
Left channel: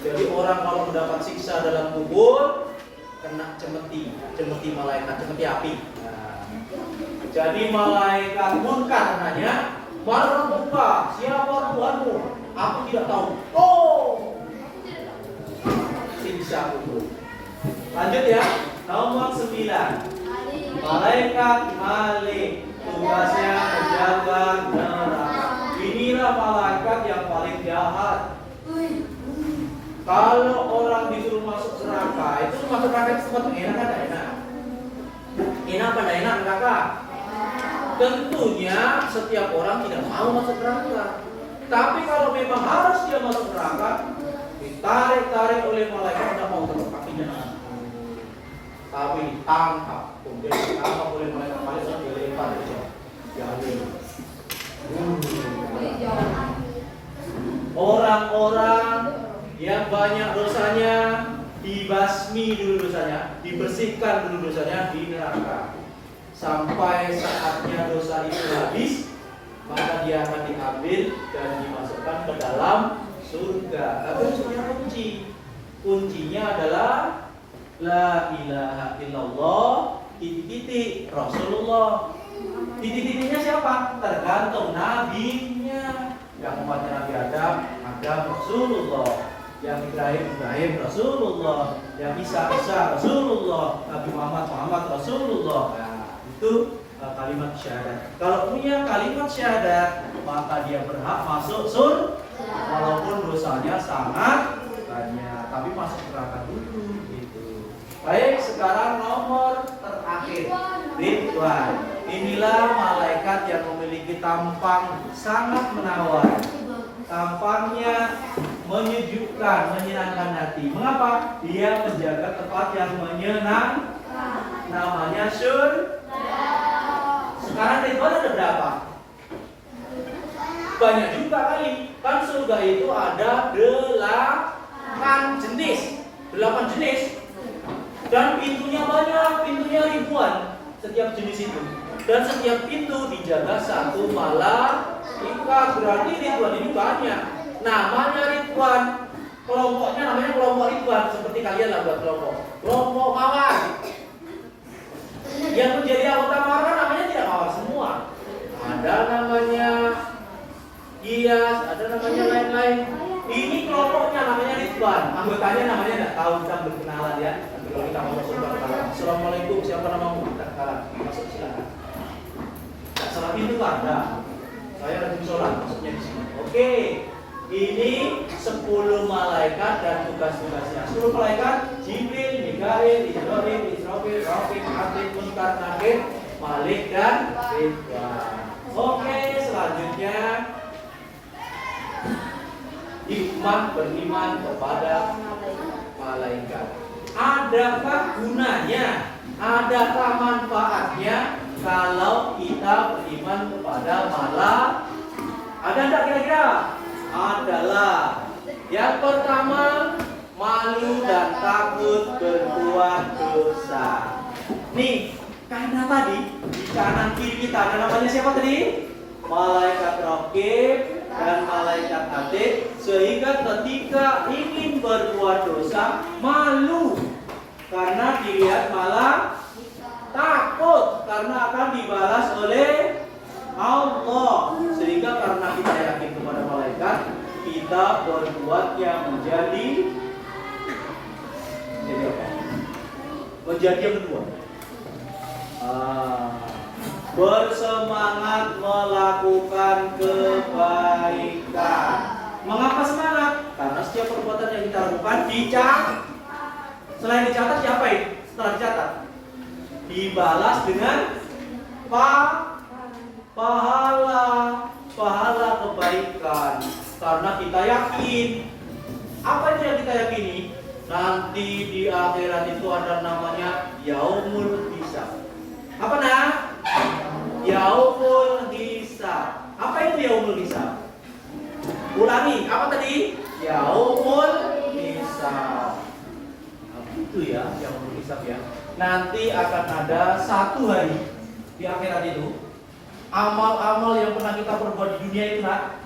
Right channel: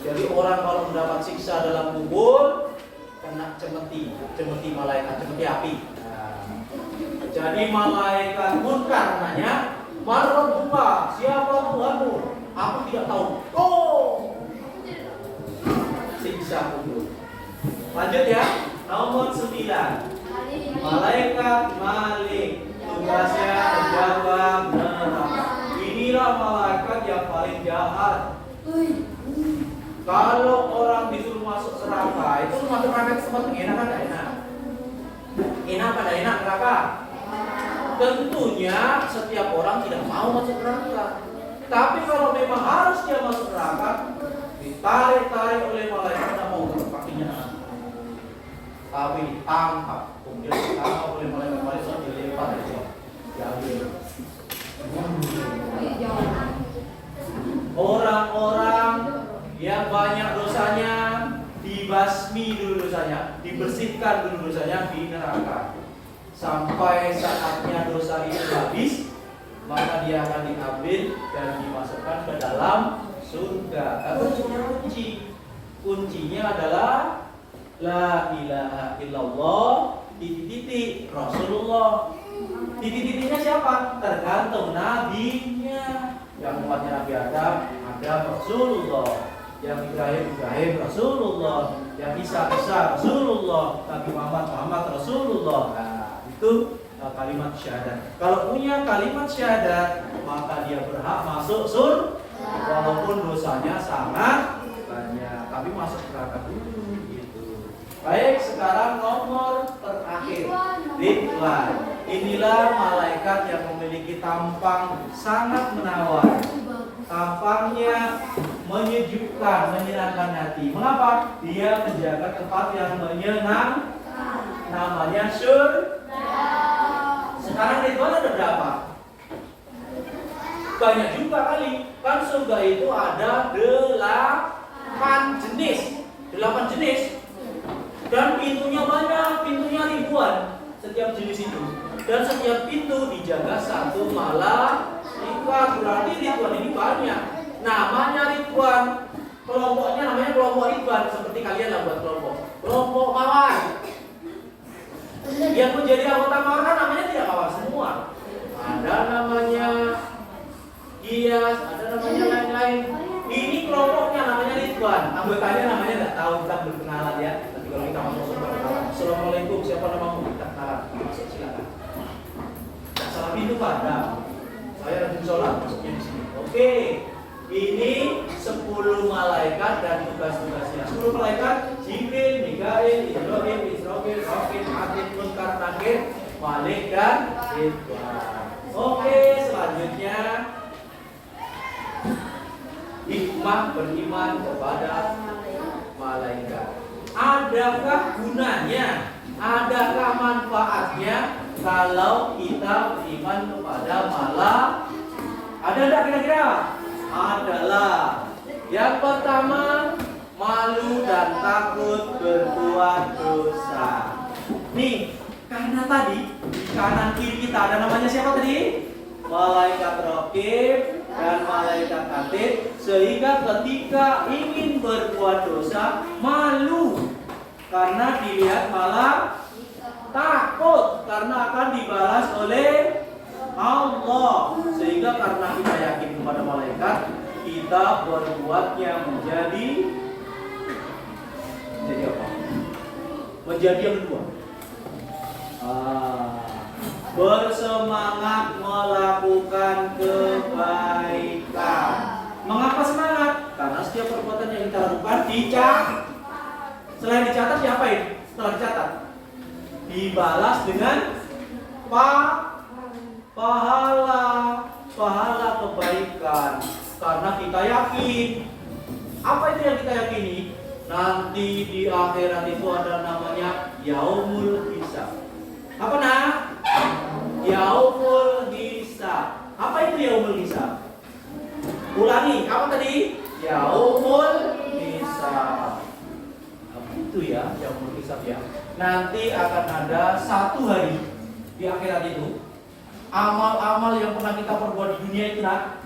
Jadi orang kalau mendapat siksa dalam kubur kena cemeti, cemeti malaikat, cemeti api. Jadi malaikat munkar nanya, "Man rabbuka? Siapa Tuhanmu?" "Aku tidak tahu." Oh, siksa kubur. Lanjut ya, nomor 9. Malaikat Malik, tugasnya menjaga neraka. Inilah malaikat yang paling jahat. Kalau orang disuruh masuk neraka, itu masuk neraka tempat yang enak atau enak? Enak pada enak neraka? Tentunya setiap orang tidak mau masuk neraka. Tapi kalau memang harus dia masuk neraka, ditarik-tarik oleh malaikat, tidak mau tetap kakinya. Tapi ditangkap, kemudian ditangkap oleh malaikat dilempar aja. Ya orang-orang yang banyak dosanya dibasmi dulu dosanya, dibersihkan dulu dosanya di neraka. Sampai saatnya dosa itu habis, maka dia akan diambil dan dimasukkan ke dalam surga. Tapi punya kunci. Kuncinya adalah la ilaha illallah titik Rasulullah. Titik-titiknya siapa? Tergantung nabinya. Yang umatnya Nabi Adam Rasulullah. Yang Ibrahim Rasulullah. Yang Isa Rasulullah. Nabi Muhammad Rasulullah. Nah, itu kalimat syahadat. Kalau punya kalimat syahadat, maka dia berhak masuk surga walaupun dosanya sangat banyak. Tapi masuk neraka dulu gitu. Baik, sekarang nomor terakhir, Ridwan. Inilah malaikat yang memiliki tampang sangat menawan. Tampangnya menyejukkan, menyenangkan hati. Mengapa? Dia menjaga tempat yang menyenangkan. Namanya surga. Sekarang Ridwan ada berapa? Banyak juga kali. Kan surga itu ada 8 jenis. 8 jenis. Dan pintunya banyak, pintunya ribuan setiap jenis itu. Dan setiap pintu dijaga 1 malaikat. Berarti Ridwan ini banyak. Namanya Ridwan. Kelompoknya namanya kelompok Ridwan. Seperti kalian lah buat kelompok. Kelompok mawar. Yang menjadi anggota mawar kan namanya tidak mawar semua. Ada namanya Gias, ada namanya lain-lain. Ini kelompoknya namanya Ridwan. Anggotanya namanya tidak tahu, kita berkenalan ya. Nanti kalau kita masuk surga kenalan. Assalamualaikum, siapa namamu? Kita kenalan. Masuk silakan. Salah pintu ada. Saya lagi sholat, masuknya di sini. Oke. Ini 10 malaikat dan tugas-tugasnya. 10 malaikat: Jibril, Mikail, Israfil, Rafil, Atid, Munkar, Nakir, Malik dan Ridwan. Oke, selanjutnya hikmah beriman kepada malaikat. Adakah gunanya? Adakah manfaatnya kalau kita beriman kepada malaikat? Ada enggak kira-kira? Adalah yang pertama, malu dan takut berbuat dosa. Nih, karena tadi di kanan kiri kita ada namanya siapa tadi? Malaikat Raqib dan malaikat Atid. Sehingga ketika ingin berbuat dosa, malu karena dilihat malah takut karena akan dibalas oleh Allah. Sehingga karena kita yakin kepada malaikat, kita berbuat yang menjadi apa? Menjadi yang kedua. Bersemangat melakukan kebaikan. Mengapa semangat? Karena setiap perbuatan yang kita lakukan dicatat. Selain dicatat diapain? Setelah dicatat dibalas dengan pahala kebaikan. Karena kita yakin. Apa itu yang kita yakini? Nanti di akhirat itu ada namanya yaumul hisab. Apa nak? Yaumul hisab. Apa itu yaumul hisab? Ulangi, apa tadi? Yaumul hisab. Itu ya, yaumul hisab ya. Nanti akan ada satu hari di akhirat itu. Amal-amal yang pernah kita perbuat di dunia itu nak.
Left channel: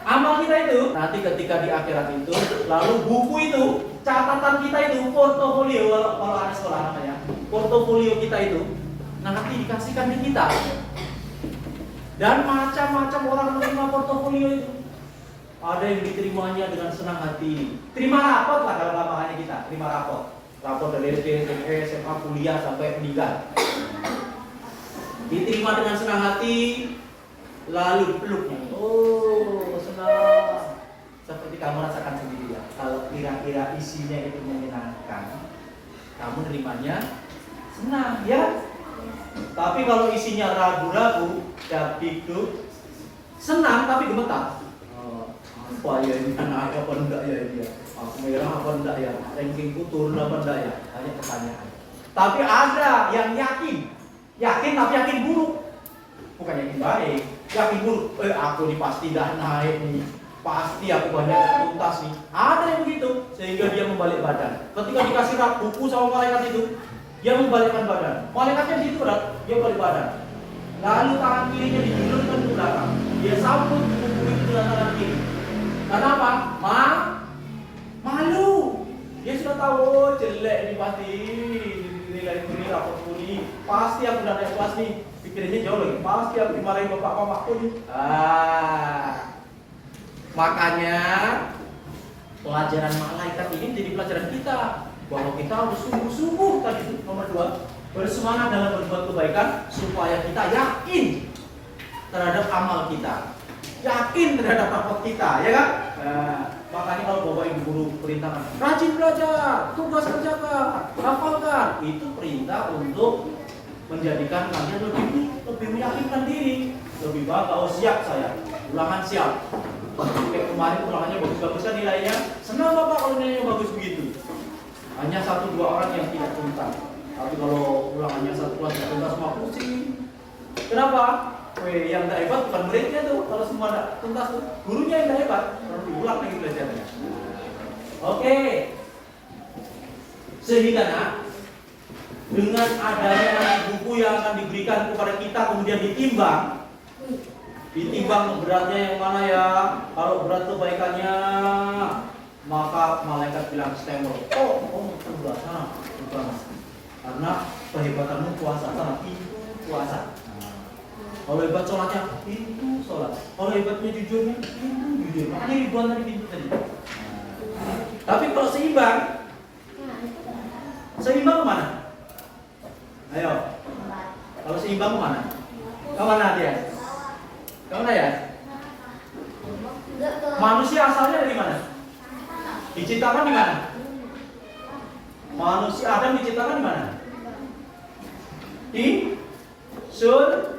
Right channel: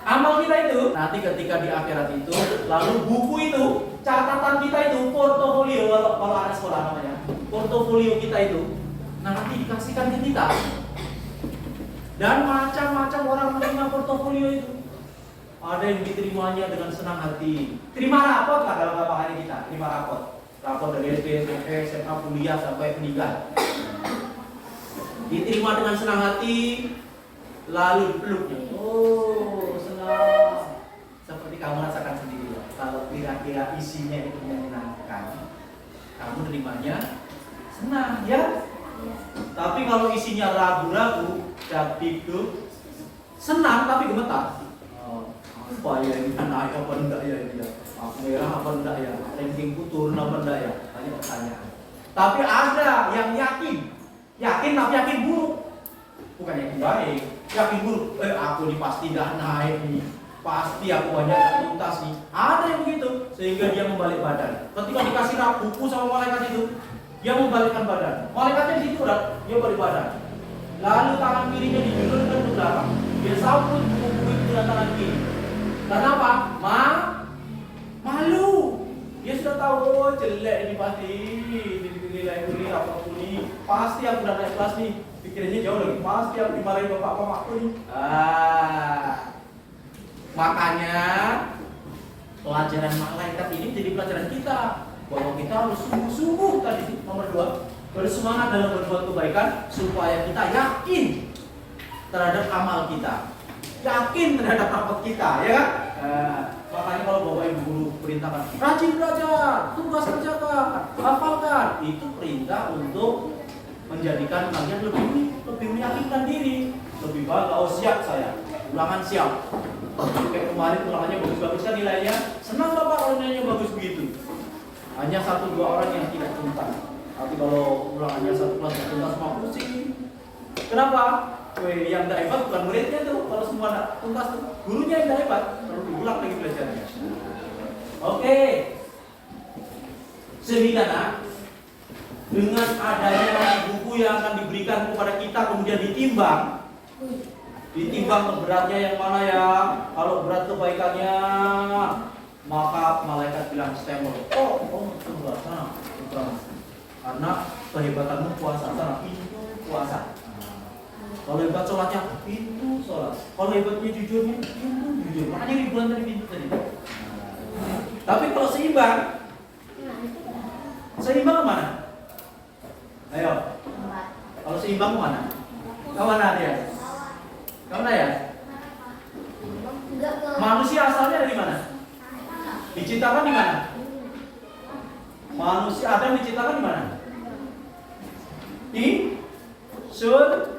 Amal kita itu nanti ketika di akhirat itu, lalu buku itu, catatan kita itu, portofolio kalau ada sekolah namanya, portofolio kita itu nanti dikasihkan ke kita. Dan macam-macam orang menerima portofolio itu. Ada yang diterimanya dengan senang hati. Terima rapot lah kalau bahannya kita, terima rapot. Rapot dari SD, SMP, SMA, kuliah sampai meninggal. Diterima dengan senang hati, lalu dipeluknya. Oh, senang. Seperti kamu rasakan sendiri ya. Kalau kira-kira isinya itu menyenangkan, kamu nerimanya senang ya. Tapi kalau isinya ragu-ragu, dikduk, senang tapi gemetar. Apa ya ini naik apa enggak ya ini ya? Merah apa enggak ya? Rankingku turun apa enggak ya? Banyak pertanyaan. Tapi ada yang yakin tapi yakin buruk. Bukan yakin baik, yakin buruk. Aku nih pasti dah naik nih. Pasti aku banyak tuntas nih. Ada yang begitu sehingga dia membalik badan. Ketika dikasih buku sama malaikat itu, dia membalikkan badan. Malaikatnya di situ berat, dia balik badan. Lalu tangan kirinya dijulurkan ke belakang. Dia sambut buku itu dengan tangan kiri. Kenapa? Malu. Dia sudah tahu, oh jelek ini pasti. Nilai ini, rapot ini. Pasti aku udah naik kelas nih. Pikirannya jauh lagi. Pasti aku dimarahin bapak-bapakku nih. Makanya pelajaran malaikat ini jadi pelajaran kita. Bahwa kita harus sungguh-sungguh tadi itu nomor 2. Bersemangat dalam berbuat kebaikan supaya kita yakin terhadap amal kita. Yakin terhadap rapot kita, ya kan? Makanya kalau bapak ibu guru perintahkan rajin belajar, tugas kerjakan, hafalkan, itu perintah untuk menjadikan kalian lebih meyakinkan diri, lebih bangga. Oh siap saya, ulangan siap. Kayak kemarin ulangannya bagus-bagus kan nilainya, senang bapak kalau nilainya bagus begitu. Hanya 1-2 orang yang tidak tuntas. Tapi kalau ulangannya satu kelas tidak tuntas mau pusing. Kenapa? Yang tidak hebat bukan muridnya tuh. Kalau semua tidak tuntas tuh, gurunya yang tidak hebat. Harus diulang lagi belajarnya. Oke. Sehingga nak, dengan adanya buku yang akan diberikan kepada kita kemudian ditimbang beratnya yang mana ya. Kalau berat kebaikannya, maka malaikat bilang stemor. Oh, sebelah sana. Karena kehebatanmu puasa, sana pintu puasa. Kalau hebat sholatnya, pintu sholat. Kalau hebatnya jujurnya, pintu jujur. Makanya ribuan tadi pintu tadi. Tapi kalau seimbang kemana? Ayo. Kalau seimbang kemana? Kemana dia? Kemana ya? Manusia asalnya dari mana? Diciptakan di mana? Manusia Adam diciptakan di mana? Di surga.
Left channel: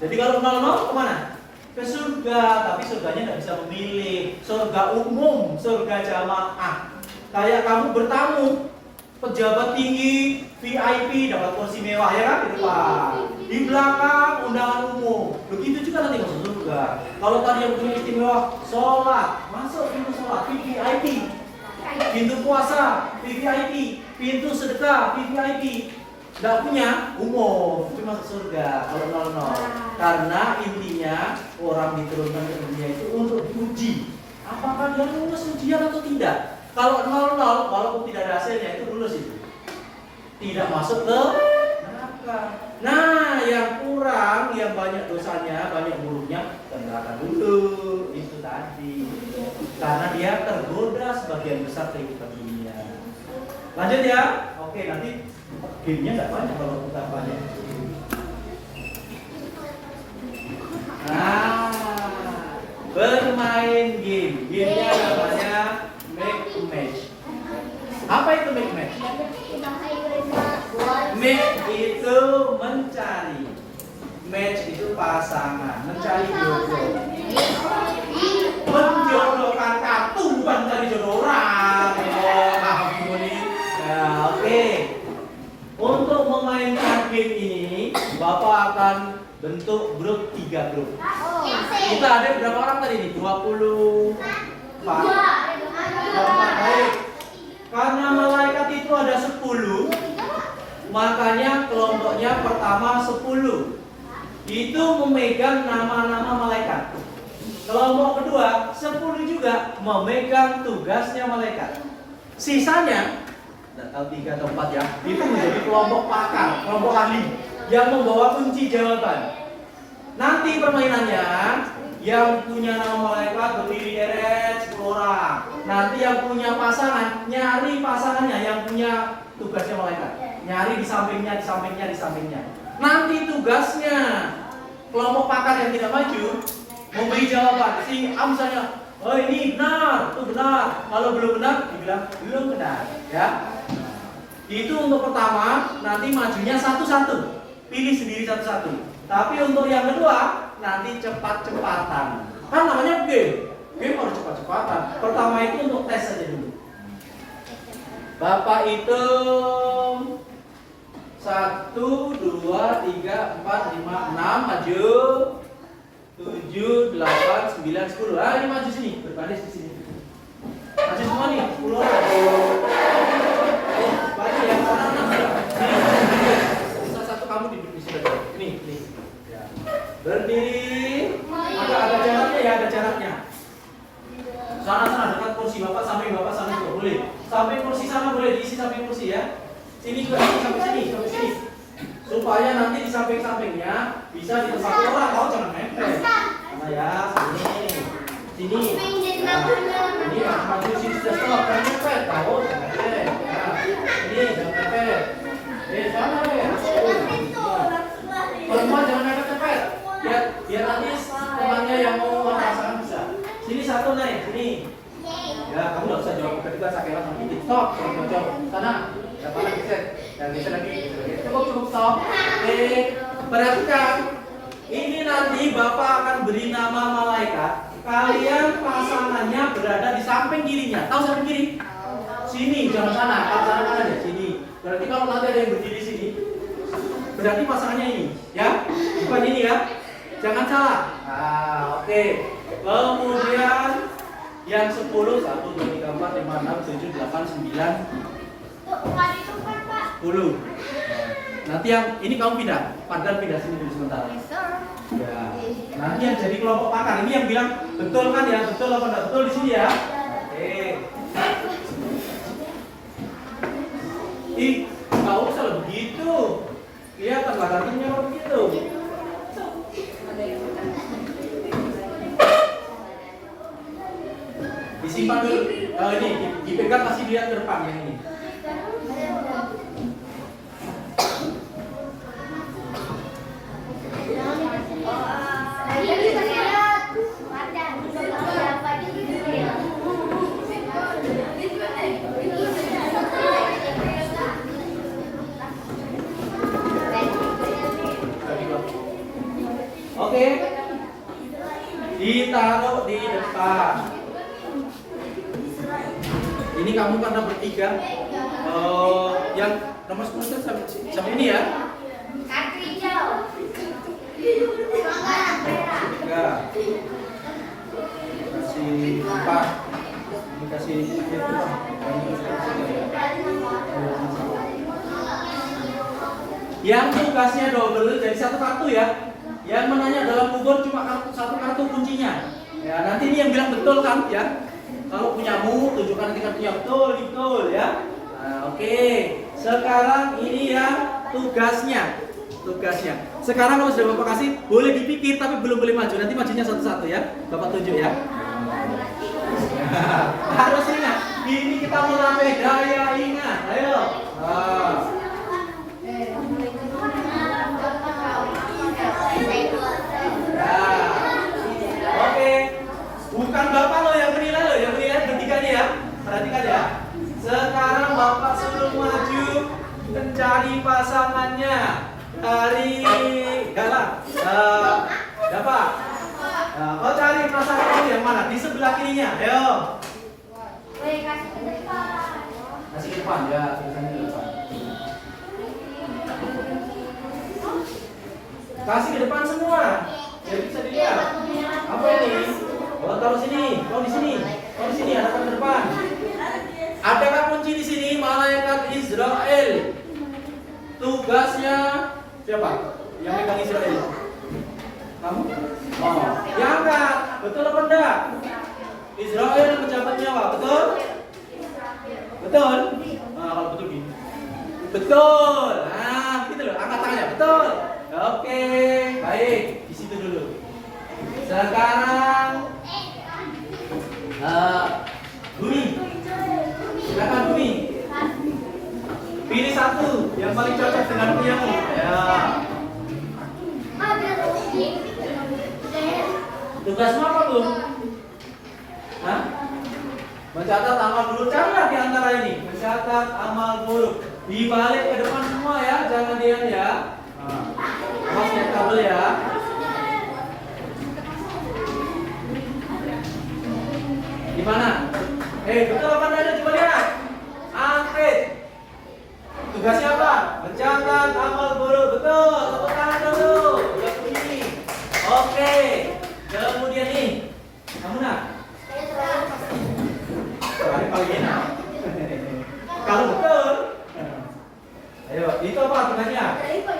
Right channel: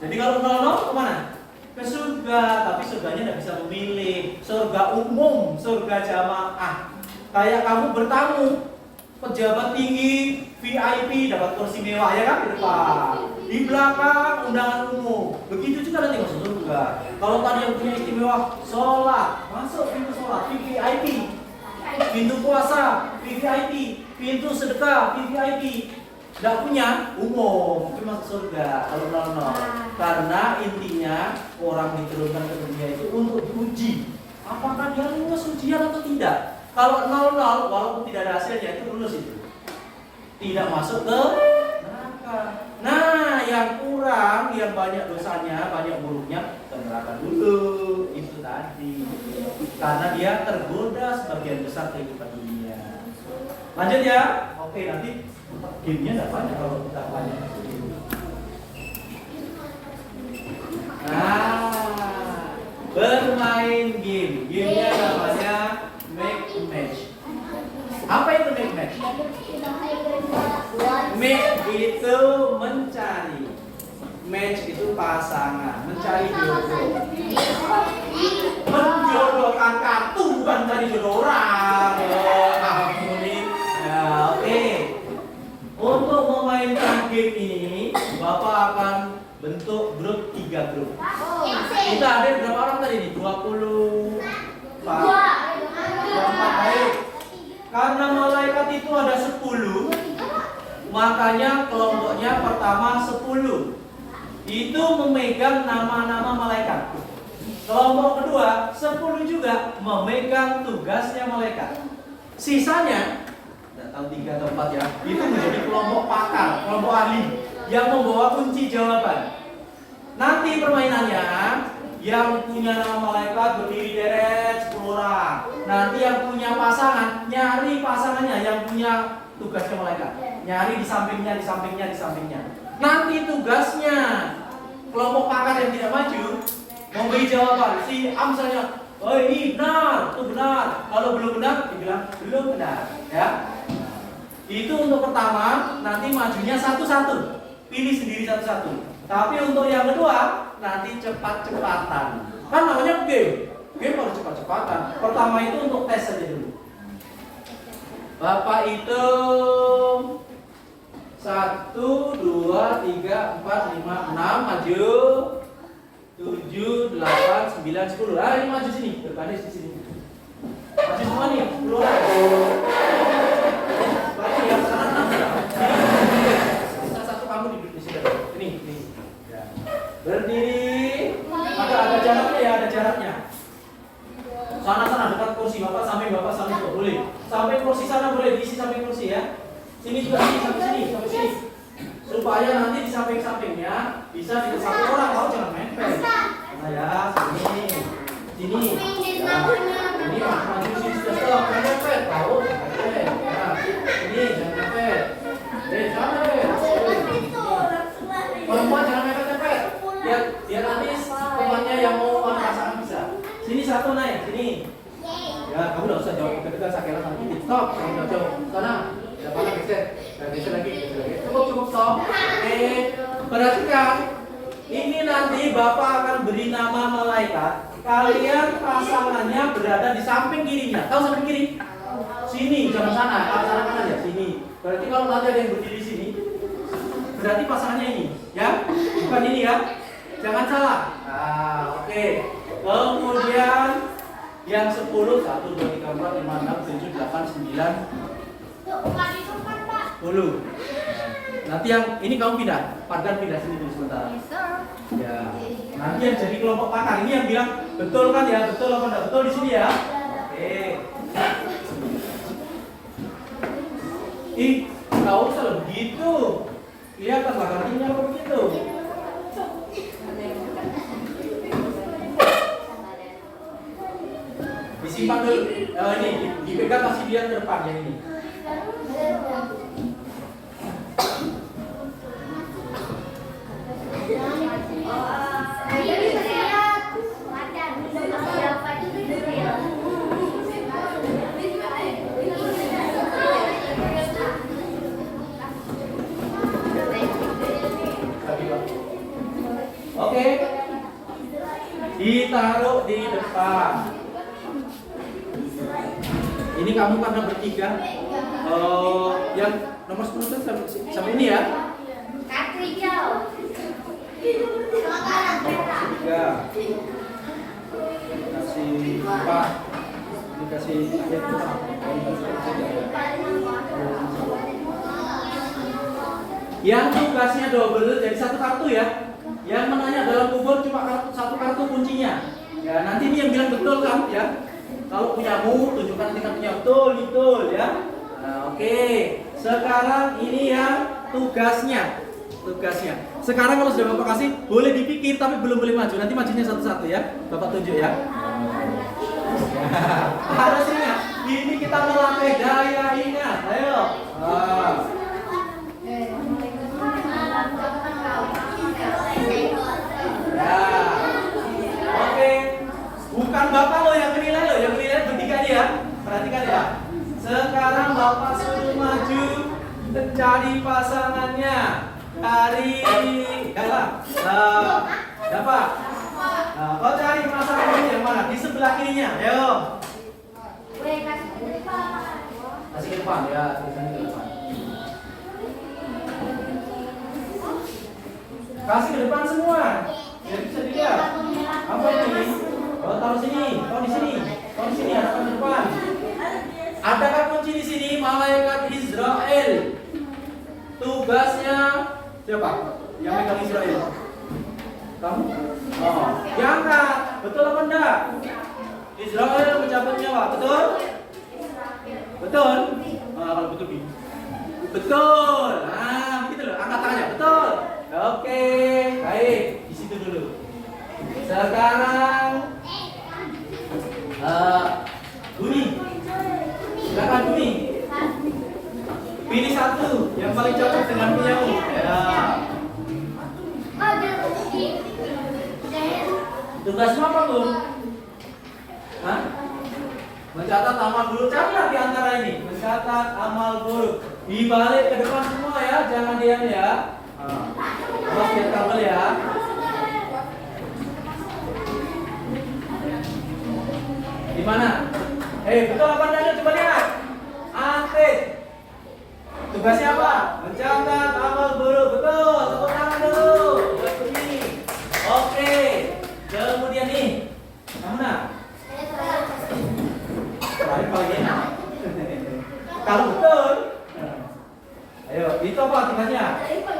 Jadi kalau 00 kemana? Ke surga, tapi surganya tidak bisa memilih. Surga umum, surga jamaah. Kayak kamu bertamu, pejabat tinggi, VIP dapat kursi mewah ya kan di depan. Di belakang undangan umum. Begitu juga nanti masuk surga. Kalau tadi yang punya istimewa, sholat, masuk pintu sholat, VIP. Pintu puasa, VIP. Pintu sedekah, VIP. Tidak punya umum, cuma masuk surga kalau 00. Karena intinya orang diturunkan ke dunia itu untuk diuji. Apakah dia lulus ujian atau tidak? Kalau 00, walaupun tidak ada hasilnya itu lulus itu. Tidak masuk ke neraka. Nah, yang kurang, yang banyak dosanya, banyak buruknya, ke neraka dulu. Itu tadi. Karena dia tergoda sebagian besar kehidupan dunia. Lanjut ya. Oke, nanti gamenya tidak banyak kalau kita banyak. Bermain game. Gamenya namanya make a match. Apa itu make match? Make itu mencari. Match itu pasangan, mencari jodoh. Menjodohkan kartu bukan mencari jodoh orang. Nah, oke. Untuk memainkan game ini, Bapak akan bentuk grup 3 grup. Kita ada berapa orang tadi nih? 20. Baik. Karena malaikat itu ada 10, makanya kelompoknya pertama 10. Itu memegang nama-nama malaikat. Kelompok kedua 10 juga memegang tugasnya malaikat. Sisanya tidak tahu 3 atau 4 ya, itu menjadi kelompok pakar, kelompok ahli yang membawa kunci jawaban. Nanti permainannya yang punya nama malaikat berdiri deret 10 orang. Nanti yang punya pasangan nyari pasangannya yang punya tugasnya malaikat. Nyari di sampingnya, di sampingnya, di sampingnya. Nanti tugasnya kelompok pakar yang tidak maju memberi jawaban. Si A misalnya, oh ini benar, itu benar. Kalau belum benar, dibilang belum benar. Ya. Itu untuk pertama, nanti majunya satu-satu. Pilih sendiri satu-satu. Tapi untuk yang kedua, nanti cepat-cepatan. Kan namanya game. Game harus cepat-cepatan. Pertama itu untuk tes saja dulu. Bapak hitung 1, 2, 3, 4, 5, 6, maju 7, 8, 9, 10. Ah, ini maju sini, berbaris di sini. Maju semua nih, 10. Lagi yang sana 6. Satu kamu di sini. Ini. Ya. Berdiri. Ada jaraknya ya, ada jaraknya. Sana dekat kursi Bapak sampai juga boleh. Sampai kursi sana boleh diisi sampai kursi ya. Sini juga sampai sini. Supaya nanti di samping-sampingnya bisa di satu orang, kau jangan nempel. Mana ya, sini. Ya. Ini maju sini sudah stop, jangan nempel. Tahu, jangan nempel. Ya. Ini jangan nempel. Sana perempuan jangan nempel. Biar nanti temannya yang mau pasangan bisa. Sini satu naik, sini. Ya, kamu nggak usah jawab kita sakelan nanti. Stop, jangan jawab. Sana. Mana geser? Yang geser lagi. Cukup stop. Perhatikan. Ini nanti Bapak akan beri nama malaikat. Kalian pasangannya berada di samping kirinya. Tahu samping kiri? Sini, jangan sana. Sana aja sini. Berarti kalau nanti ada yang berdiri sini, berarti pasangannya ini, ya? Bukan ini ya? Jangan salah. Nah, oke. Kemudian yang 10, 1, 2, 3, 4, 5, 6, 7, 8, 9, 10. Nanti yang ini kamu pindah, Pargan pindah sini dulu sementara. Ya. Nanti yang jadi kelompok pakar ini yang bilang betul kan ya, betul apa enggak betul di sini ya. Oke. Nggak usah loh begitu. Kelihatan gantengnya kalau begitu. Disimpan dulu. Ini dipegang kasih lihat ke depan yang ini. Oke, ditaruh di depan. Ini kamu karena bertiga. Yang nomor 10 sampai ini ya. Kartu hijau. Tiga. Kasih 4. Dikasih itu. Yang tugasnya double jadi satu kartu ya. Yang menanya dalam kubur cuma satu kartu kuncinya. Ya, nanti ini yang bilang betul kan ya. Kalau punyamu tunjukkan tingkat punya betul ya. Nah, oke. Sekarang ini yang tugasnya. Sekarang kalau sudah Bapak kasih boleh dipikir tapi belum boleh maju. Nanti majunya satu-satu ya. Bapak tunjuk ya. Harus ingat. Ini kita melatih daya ingat. Ayo. Oke. Bukan Bapak loh yang menilai bertiga ya. Perhatikan ya. Sekarang mencari pasangannya. Cari, dapat. Nah, kau cari pasangannya yang mana? Di sebelah kirinya. Ayo. Kasih ke depan. Kasih ke depan ya, tulisannya ke depan. Kasih ke depan semua. Biar bisa dilihat. Apa ini? Oh, taruh sini. Kau di sini. Kau di sini, hadapan ke depan. Adakah kunci di sini? Malaikat Israel. Tugasnya siapa? Yang megang Israel? Kamu? Oh, diangkat. Betul apa enggak? Israel mencabut nyawa, betul? Betul? Nah, kalau betul gini. Betul. Nah, gitu loh. Angkat tangannya. Betul. Oke, baik. Di situ dulu. Sekarang Duni. Silakan Duni. Pilih satu yang paling cocok dengan punyamu. Ya. Tugasmu apa, Bu? Hah? Mencatat amal buruk. Carilah di antara ini. Mencatat amal buruk. Dibalik ke depan semua ya, jangan diam ya. Awas lihat kabel ya. Gimana? Betul apa enggak? Coba lihat. Angkat. Tugasnya apa? Mencatat amal buruk. Betul. Tepuk tangan dulu. Buat begini. Oke. Kemudian nih. Kamu nak? Paling enak. Kalau betul. Ayo, itu apa tugasnya?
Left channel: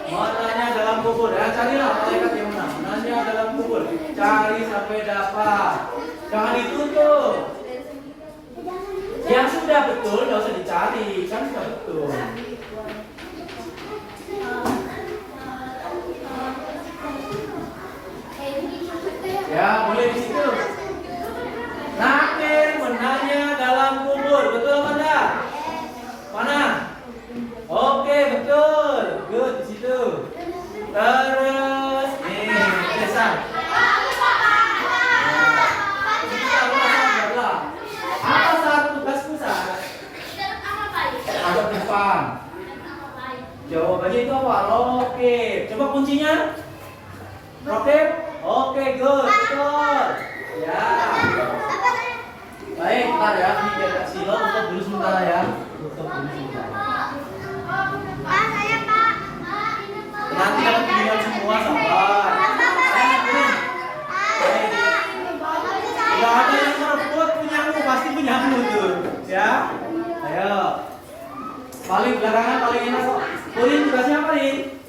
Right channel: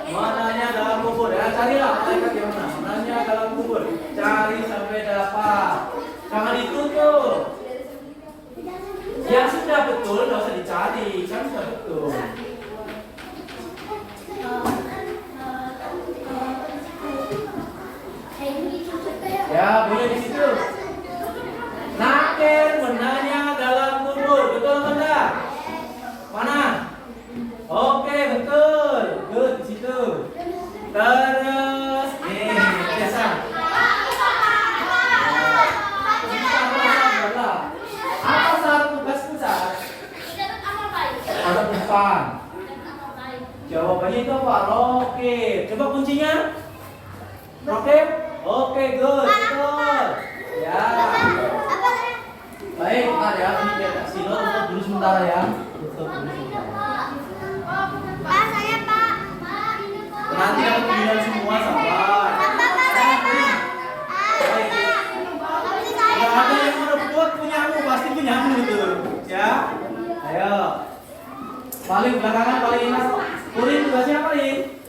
Mananya dalam kubur. Ya, carilah malaikat yang mana. Mananya dalam kubur. Cari sampai dapat. Jangan ditutup. Yang sudah betul nggak usah dicari, kan sudah betul. Ya, boleh di situ. Nakir menanya dalam kubur, betul apa enggak? Mana? Oke, betul. Good, di situ. Terus, biasa. Apa satu tugasmu saat? Ada depan. Jawabannya itu apa? Roket. Coba kuncinya. Roket. Oke, good, betul. Ya. Baik, ntar ya. Ini biar Kak Silo tutup dulu sementara ya. Tutup dulu sementara. Nanti dapat pilihan semua, sabar. Kalau ada yang merebut punyamu, pasti punyamu tuh. Ya. Ayo. Paling belakangan paling enak. Purin tugasnya apa, Rin?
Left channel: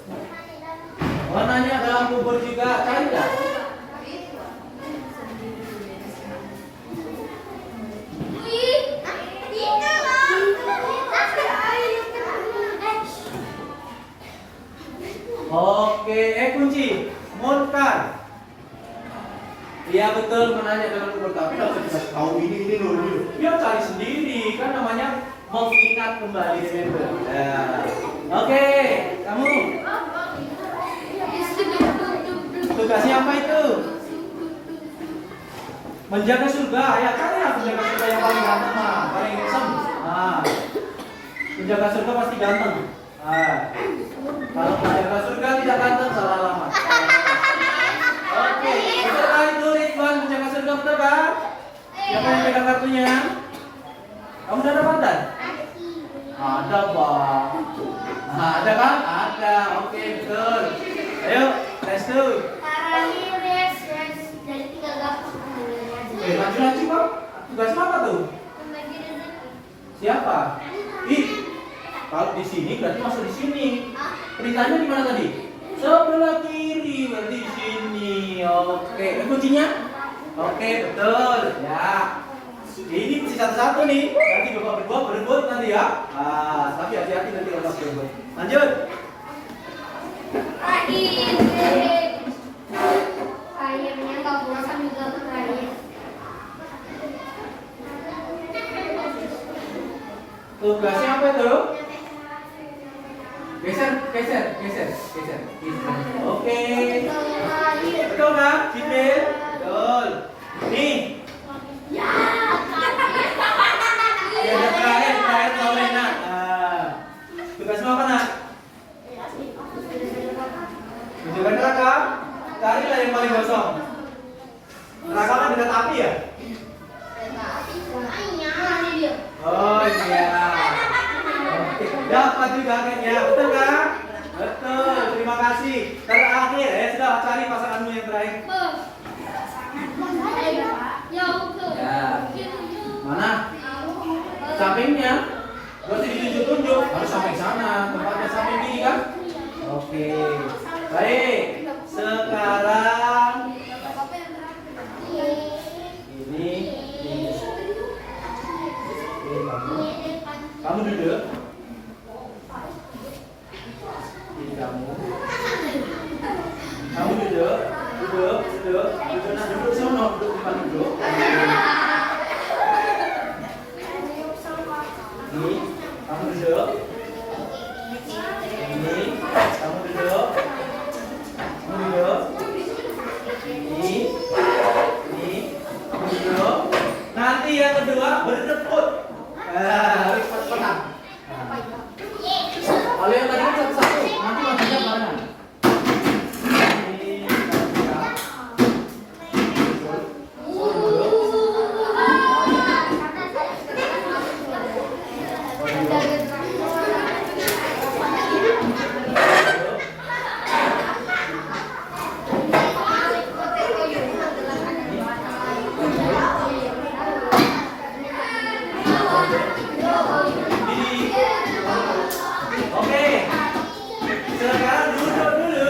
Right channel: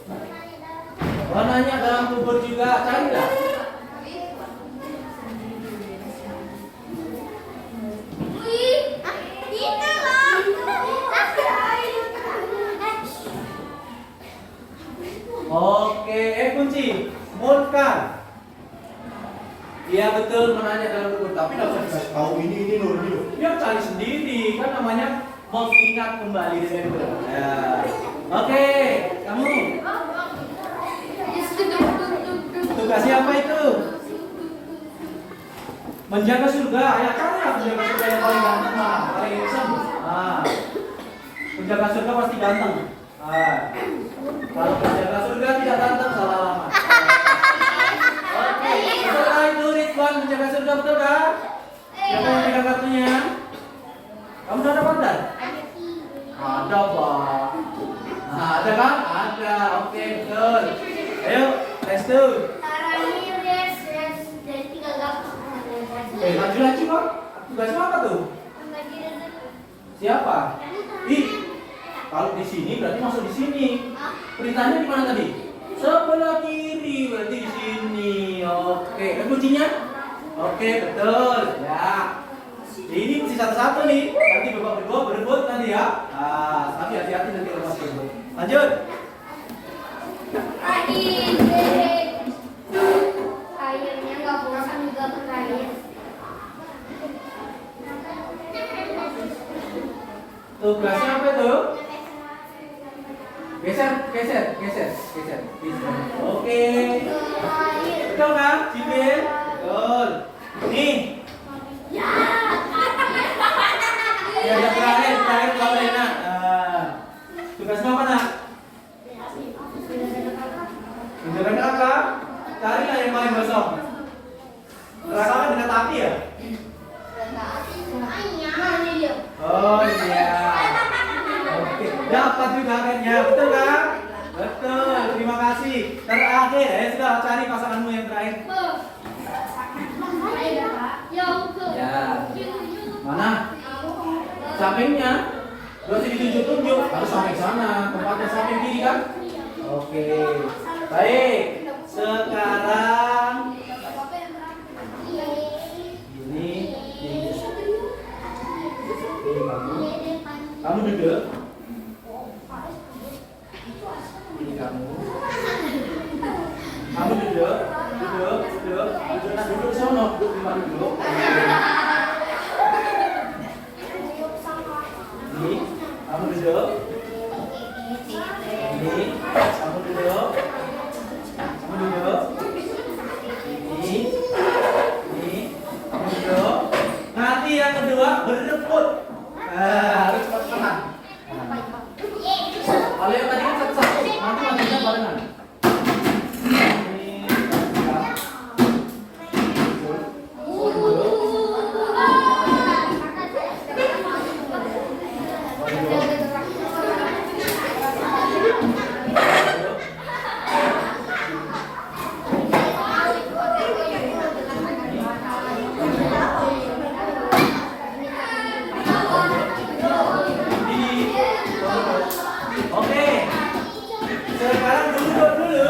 Warnanya dalam kubur juga, cari enggak? Oke, kunci munkar. Iya betul, menanya dalam kubur, tapi nggak usah dikasih tahu ini loh. Dia cari sendiri, kan namanya mengingat kembali remember. Ya. Oke, kamu. Tugasnya apa itu? Menjaga surga. Ya kan ya, menjaga surga yang paling ganteng lah, paling handsome. Menjaga surga pasti ganteng. Kalau menjaga surga tidak ganteng, salah alamat. Oke, betul kan itu Ridwan menjaga surga, betul kan? Siapa yang pegang kartunya? Kamu sudah dapat dan? Ada Pak. Ada kan? Ada. Oke, betul. Ayo, let's do. Laju-laju Pak. Tugas apa tuh? Siapa? Kalau di sini berarti masuk di sini. Perintahnya di mana tadi? Sebelah kiri, berarti di sini. Oke, ada kuncinya? Oke, betul. Ya. Ini mesti satu-satu nih. Nanti bapak berdua berebut nanti ya. Tapi hati-hati nanti bapak berebut. Lanjut. Airnya nggak bosan juga ke air. Tugasnya apa tuh? Geser. Oke. Betul nggak, Cibil? Betul. Nih. Ya, terakhir kalau enak. Tugasmu apa nak? Tunjukkan neraka. Carilah yang paling kosong. Neraka kan dekat api ya? Oh iya. Oke, dapat juga akhirnya, betul kan? Betul, terima kasih. Terakhir, sudah cari pasanganmu yang terakhir. Ya, mana? Sampingnya. Gak usah ditunjuk-tunjuk, harus samping sana. Tempatnya samping kiri kan? Oke, baik. Sekarang ini kamu duduk. Ini kamu duduk. Nah, duduk sono, duduk di mana duduk. Ini, kamu duduk. Ini, kamu duduk. Ini, kamu duduk. Nanti yang kedua berebut. Harus cepat-cepatan. Kalau yang tadi kan satu-satu, nanti majunya barengan. Oke, sekarang duduk dulu.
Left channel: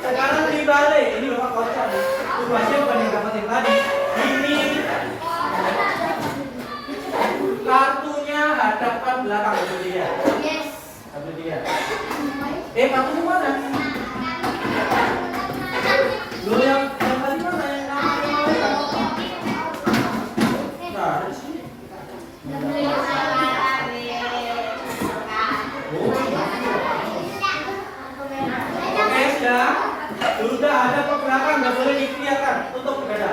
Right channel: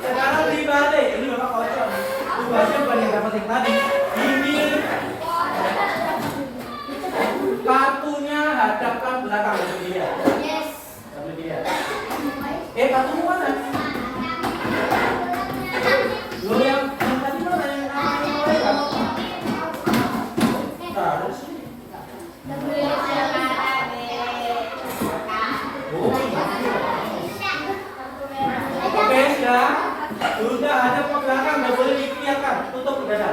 Sekarang dibalik. Ini bapak kocok nih. Tugasnya bukan yang dapat yang tadi. Ini kartunya hadapkan belakang dulu dia. Dulu dia. Kartunya mana? Lo yang tadi mana yang namanya mereka? Nah, ada di sini. Oke, sudah ada ke belakang, nggak boleh dilihatkan, tutup ke dada.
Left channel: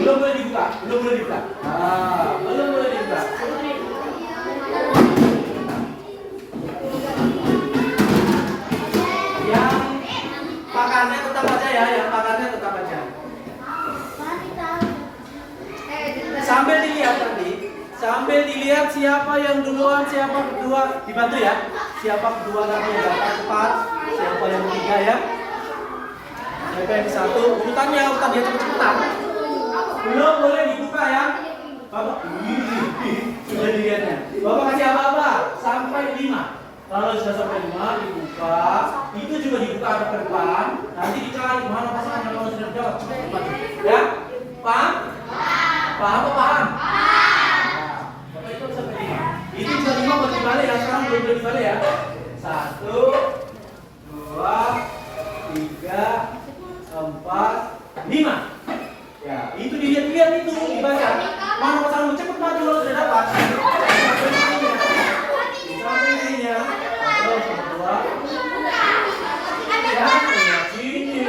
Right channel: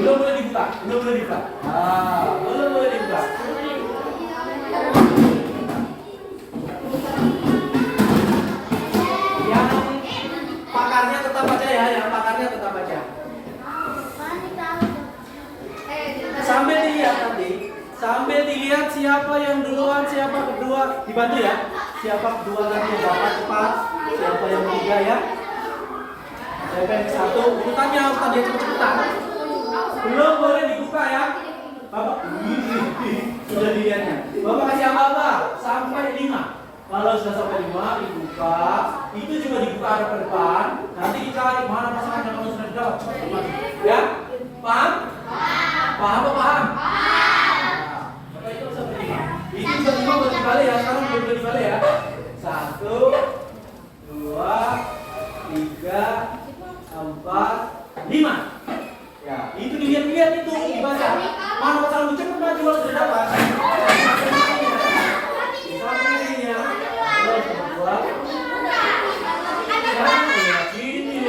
Belum boleh dibuka. Belum boleh dibuka. Yang pakarnya tetap aja ya, Sambil dilihat siapa yang duluan, siapa kedua, dibantu ya. Siapa kedua nanti yang dapat cepat, siapa yang ketiga ya. Siapa yang satu, urutannya dia cepet-cepetan. Belum boleh dibuka ya. Bapak, sudah dilihatnya. Bapak kasih apa-apa sampai 5. Kalau sudah sampai 5 dibuka, itu juga dibuka ke depan. Nanti dicari mana pasangannya kalau sudah dapat. Ya, paham? Paham? Itu juga 5 buat dibalik ya, sekarang belum dibalik ya. 1, 2, 3, 4, 5. Ya, itu dilihat itu dibaca. Mana pasanganmu cepet maju kalau sudah dapat. Sampai ininya. Terus kedua. Sini.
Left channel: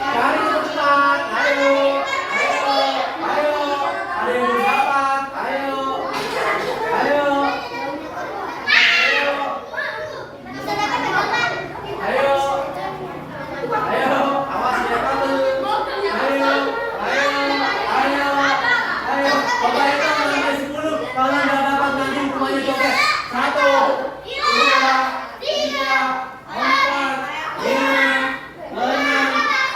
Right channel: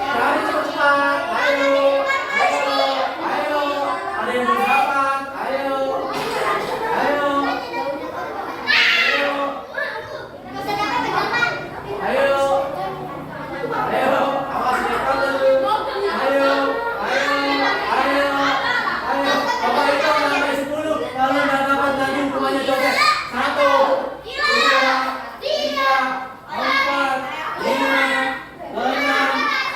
Cari cepat. Ayo. Ada yang belum dapat. Ayo. Awas dia kabur. Ayo. Bapak itu sampai 10. Kalau nggak dapat lagi hukumannya joget. 1, 2, 3, 4, 5, 6,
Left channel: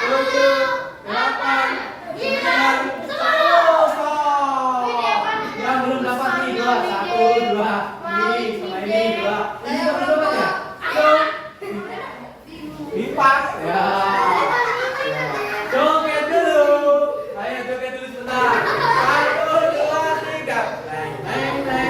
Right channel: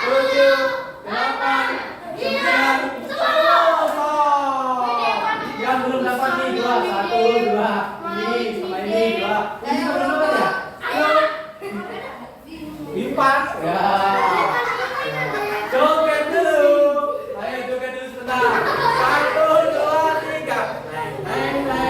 7, 8, 9, 10. Yang belum dapat nih 2, 1, 2. Ini sama ini 2. Ini belum dapat ya? Lipat ya. Joget dulu. Ayo joget dulu sebentar. 1, 2, 3. Neng.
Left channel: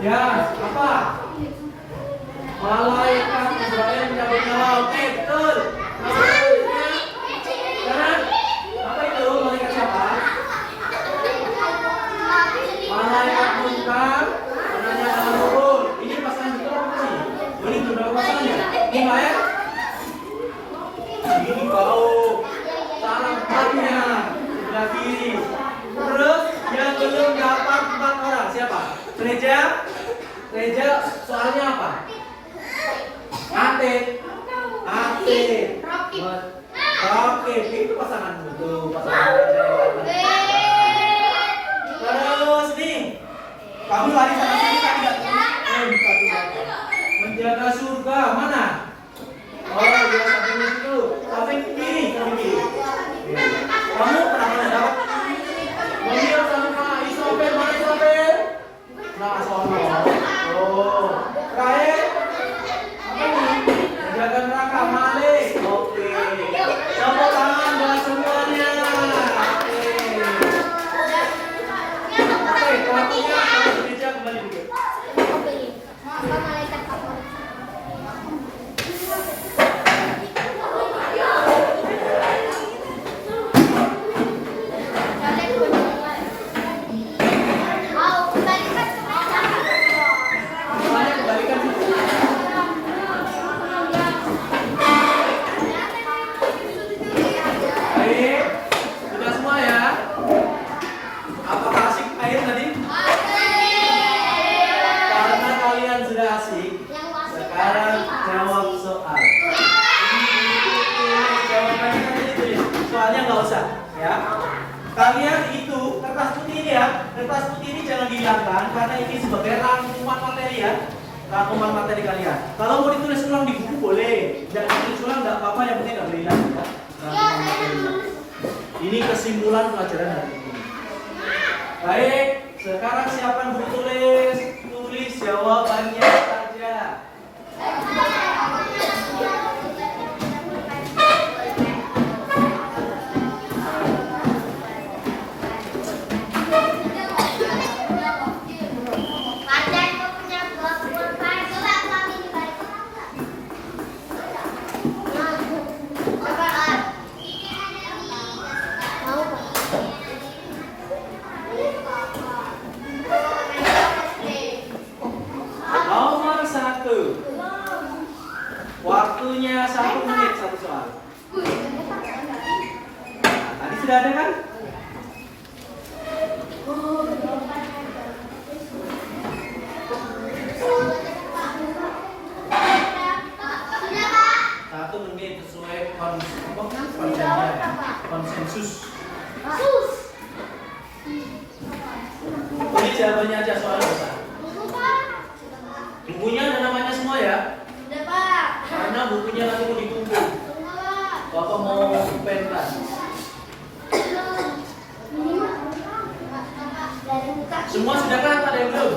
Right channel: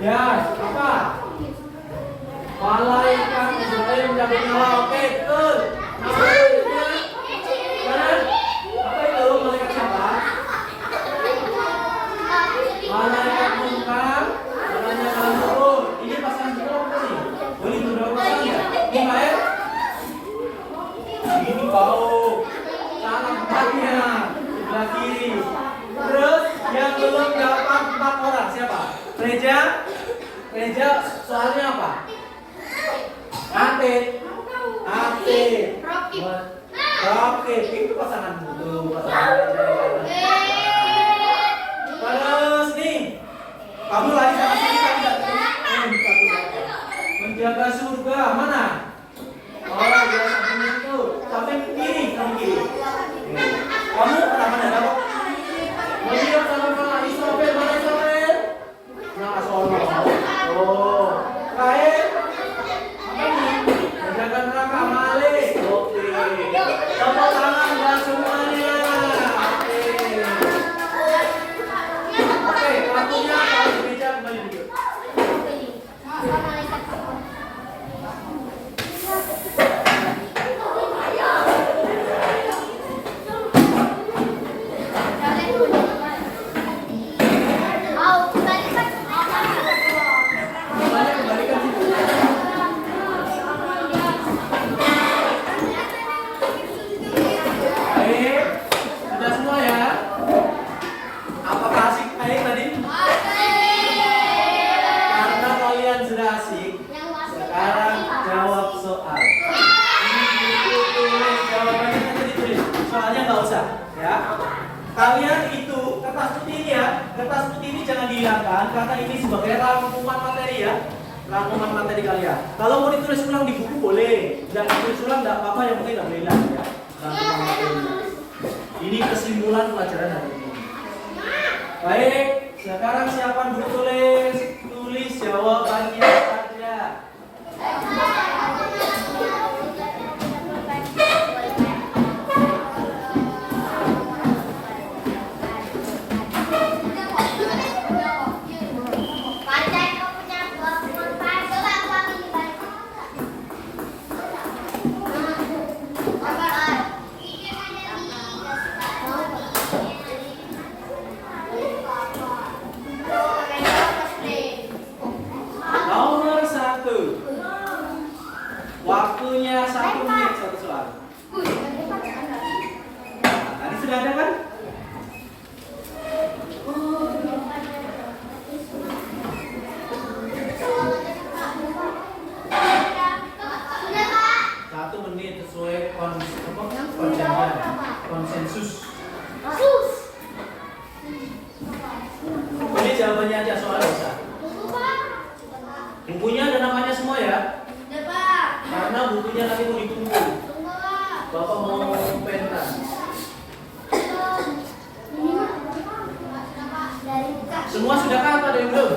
Ya, apa? Malaikat Israel menjawab nyawa. Oke, betul. Maksudnya, kan? Apa itu? Malaikat siapa? Malaikat munkar. Namanya adalah nurul. Ini pasangan kita apa sih? Ini berapa pasangannya? Ini Maya? Ini kau. Salah tempatnya. Sebelah kiri. Terus yang belum dapat 4 orang siapa? Gereja? Gereja soalnya apa? Ate. Oke, itu pasangan tuh, pasangan. Terus nih, kamu lari sana sini tadi nggak? Menjaga surga mana? Oh, dia samping itu, samping kiri, samping kiri. Kamu kenapa dapat? Melihat sama kakak Isopel, mana Isopel? Yang asal. Oh, terakhir. Apa ini? Menjaga neraka Malik. Oke. Tepuk tangan buat semuanya. Oke, pelakunya kalau gereja kembali dulu. Semuanya kembalikan situ. Baik, sudah semua ya. Apakah asik air tadi? Karena kalian sudah asik, sekarang jawab soal. Jawabannya nanti ditulis. Soalnya nggak usah, ya. Kalian itu kertas putih ini ya, kertas putih ini jangan dihilangkan karena ini sebagai rangkuman materi ya, rangkuman materi kalian. Kalau mau ditulis ulang di buku boleh, jangan ditulis ulang nggak apa-apa, yang penting nggak boleh hilang ya. Rangkuman materi. Ini kesimpulan pelajaran hari ini. Baik, sekarang siapa dulu tulis? Tulis jawabannya saja. Nomor 1. Waktunya 1 menit satu soal. Nah, tadi sudah ada kan? Satu menit sesuai konsensus. Ini jawabannya aja soal besar. Bukunya ada namanya semua ya. Karena bukunya lagi mau dikumpul. Bapak mau pentas. Semua sudah kan? Ada yang belum?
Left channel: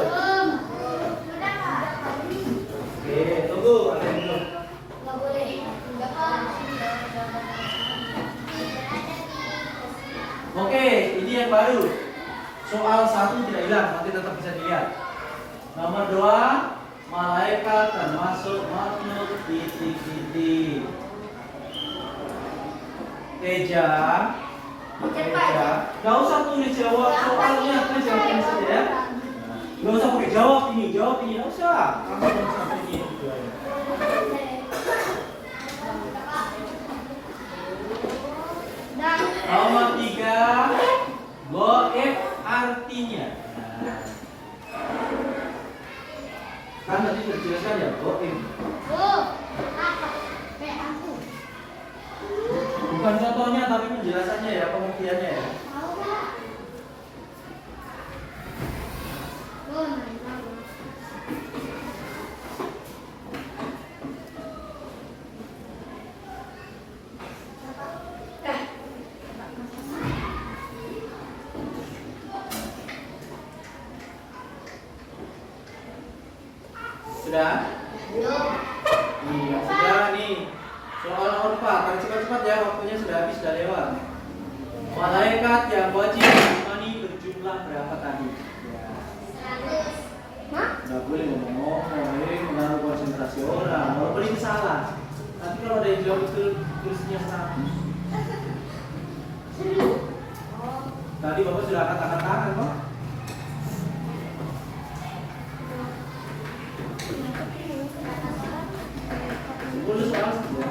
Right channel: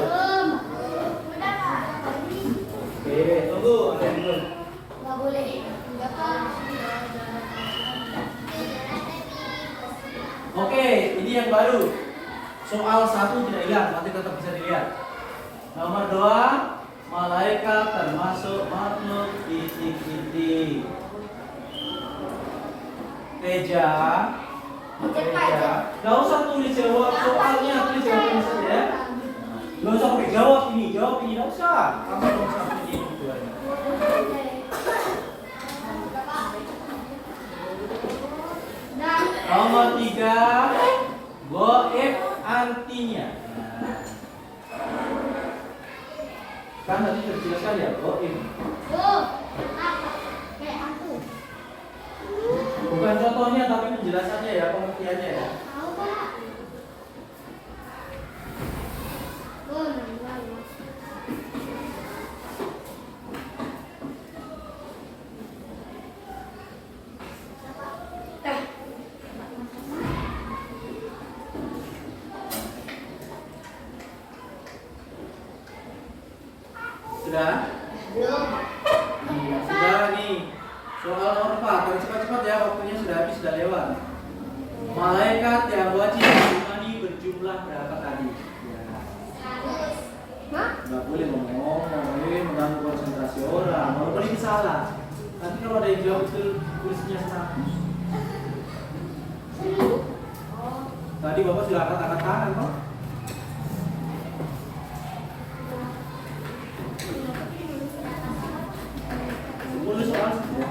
Oke, tunggu. Ada yang belum? Oke, ini yang baru. Soal 1 tidak hilang, nanti tetap bisa dilihat. Nomor 2, malaikat termasuk makhluk titik-titik. Teja, gak usah tulis jawab soalnya, tulis jawabannya saja ya. Gak usah pakai jawab ini, gak usah. Kamu gak usah ini tujuannya. Nomor 3, goib artinya. Kan tadi sudah dijelaskan ya, goib. Bukan contohnya tapi penjelasannya ya, pengertiannya ya. Sudah? Iya, sudah nih. Soal apa? Kan cepat-cepat ya, waktunya sudah habis, sudah lewat. Malaikat yang wajib diimani berjumlah berapa tadi? Ya. Nggak boleh ngomong-ngomong, mengganggu konsentrasi orang. Kalau beri salah. Nanti kalau ada yang jawab itu tulisnya 100. Tadi Bapak sudah angkat tangan kok. Boleh soal saja.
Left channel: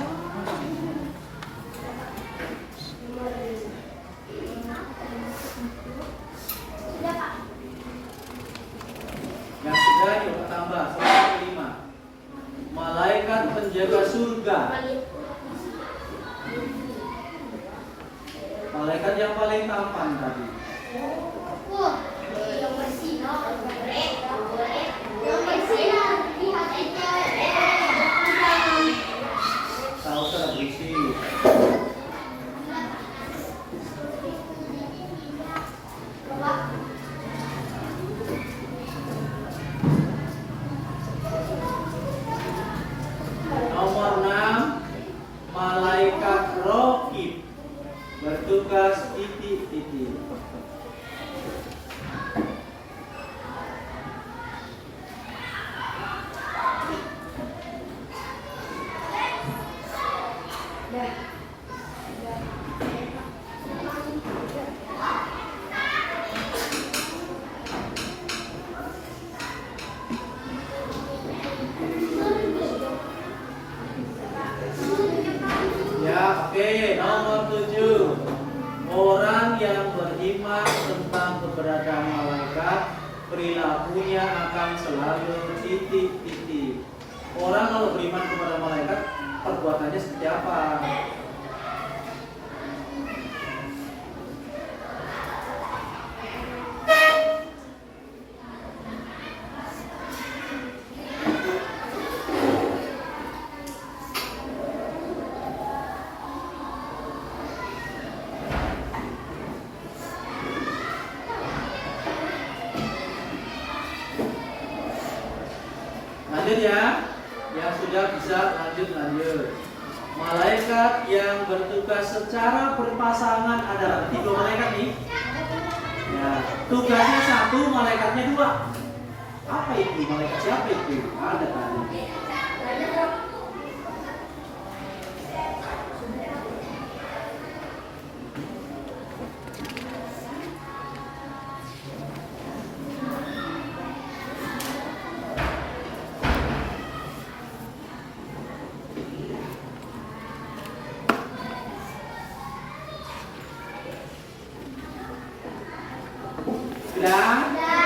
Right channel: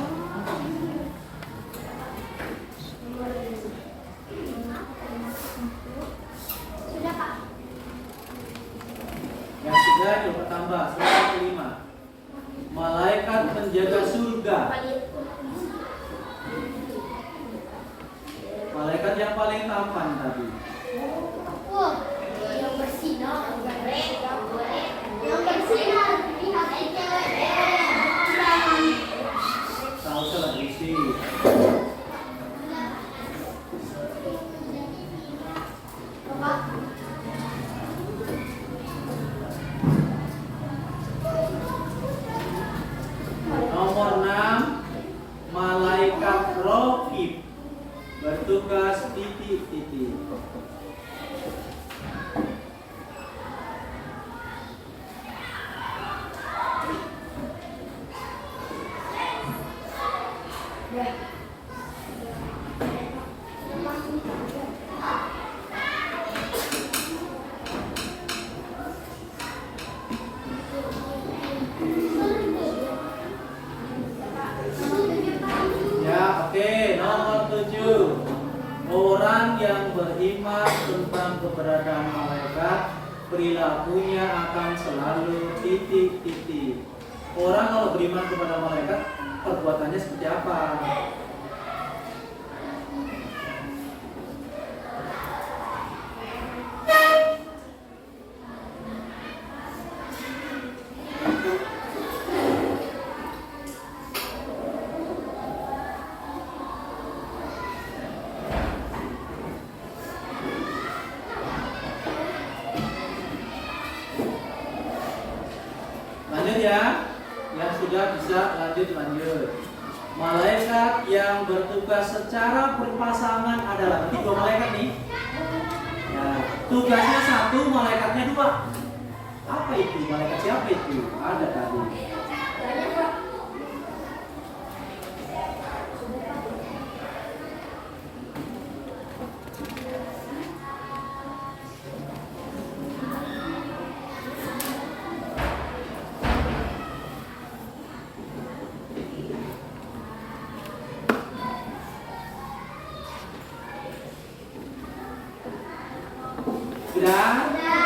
Yang sudah coba tambah soal kelima. Malaikat penjaga surga. Malaikat yang paling tampan tadi. Tahu salah berisi. Nomor 6, malaikat Raqib bertugas titik-titik. Ya, oke. Nomor 7, orang yang beriman tentang keberadaan malaikat, perilakunya akan selalu titik-titik. Orang kalau beriman kepada malaikat, perbuatannya seperti apa? Lanjut ya, yang sudah bisa lanjut. Malaikat yang bertugas secara berpasangan adalah 3 malaikat nih. Ya, tugasnya 1, malaikatnya 2. Apa itu? Malaikat siapa itu? Ada tadi. Sudah? Ya,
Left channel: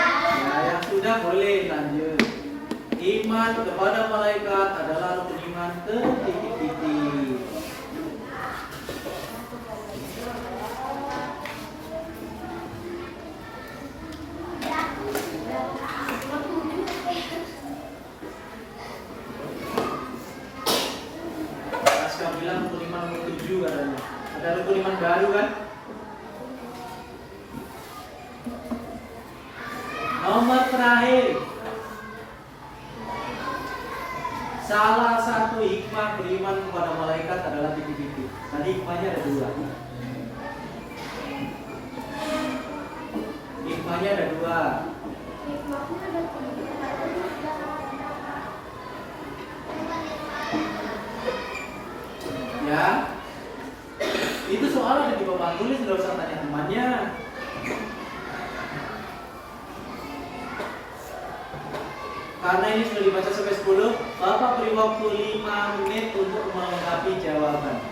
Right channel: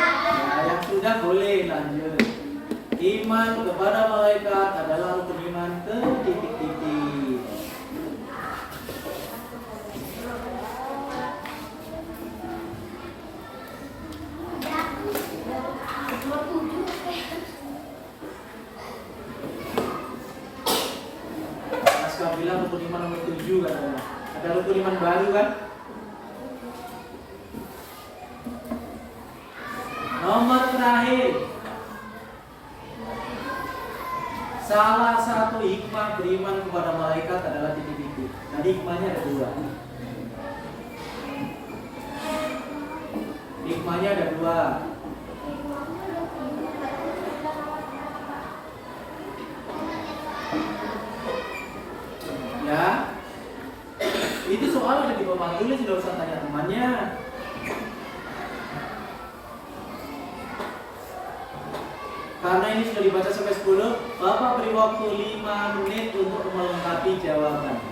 yang sudah boleh lanjut. Iman kepada malaikat adalah rukun iman titik-titik. Aska bilang rukun iman nomor 7 katanya. Ada rukun iman baru kan? Nomor terakhir, salah satu hikmah beriman kepada malaikat adalah titik-titik. Tadi hikmahnya ada 2. Hikmahnya ada 2. Ya, itu soal ada di papan tulis, tidak usah tanya temannya. Karena ini sudah dibaca sampai 10, Bapak beri waktu 5 menit untuk melengkapi jawaban.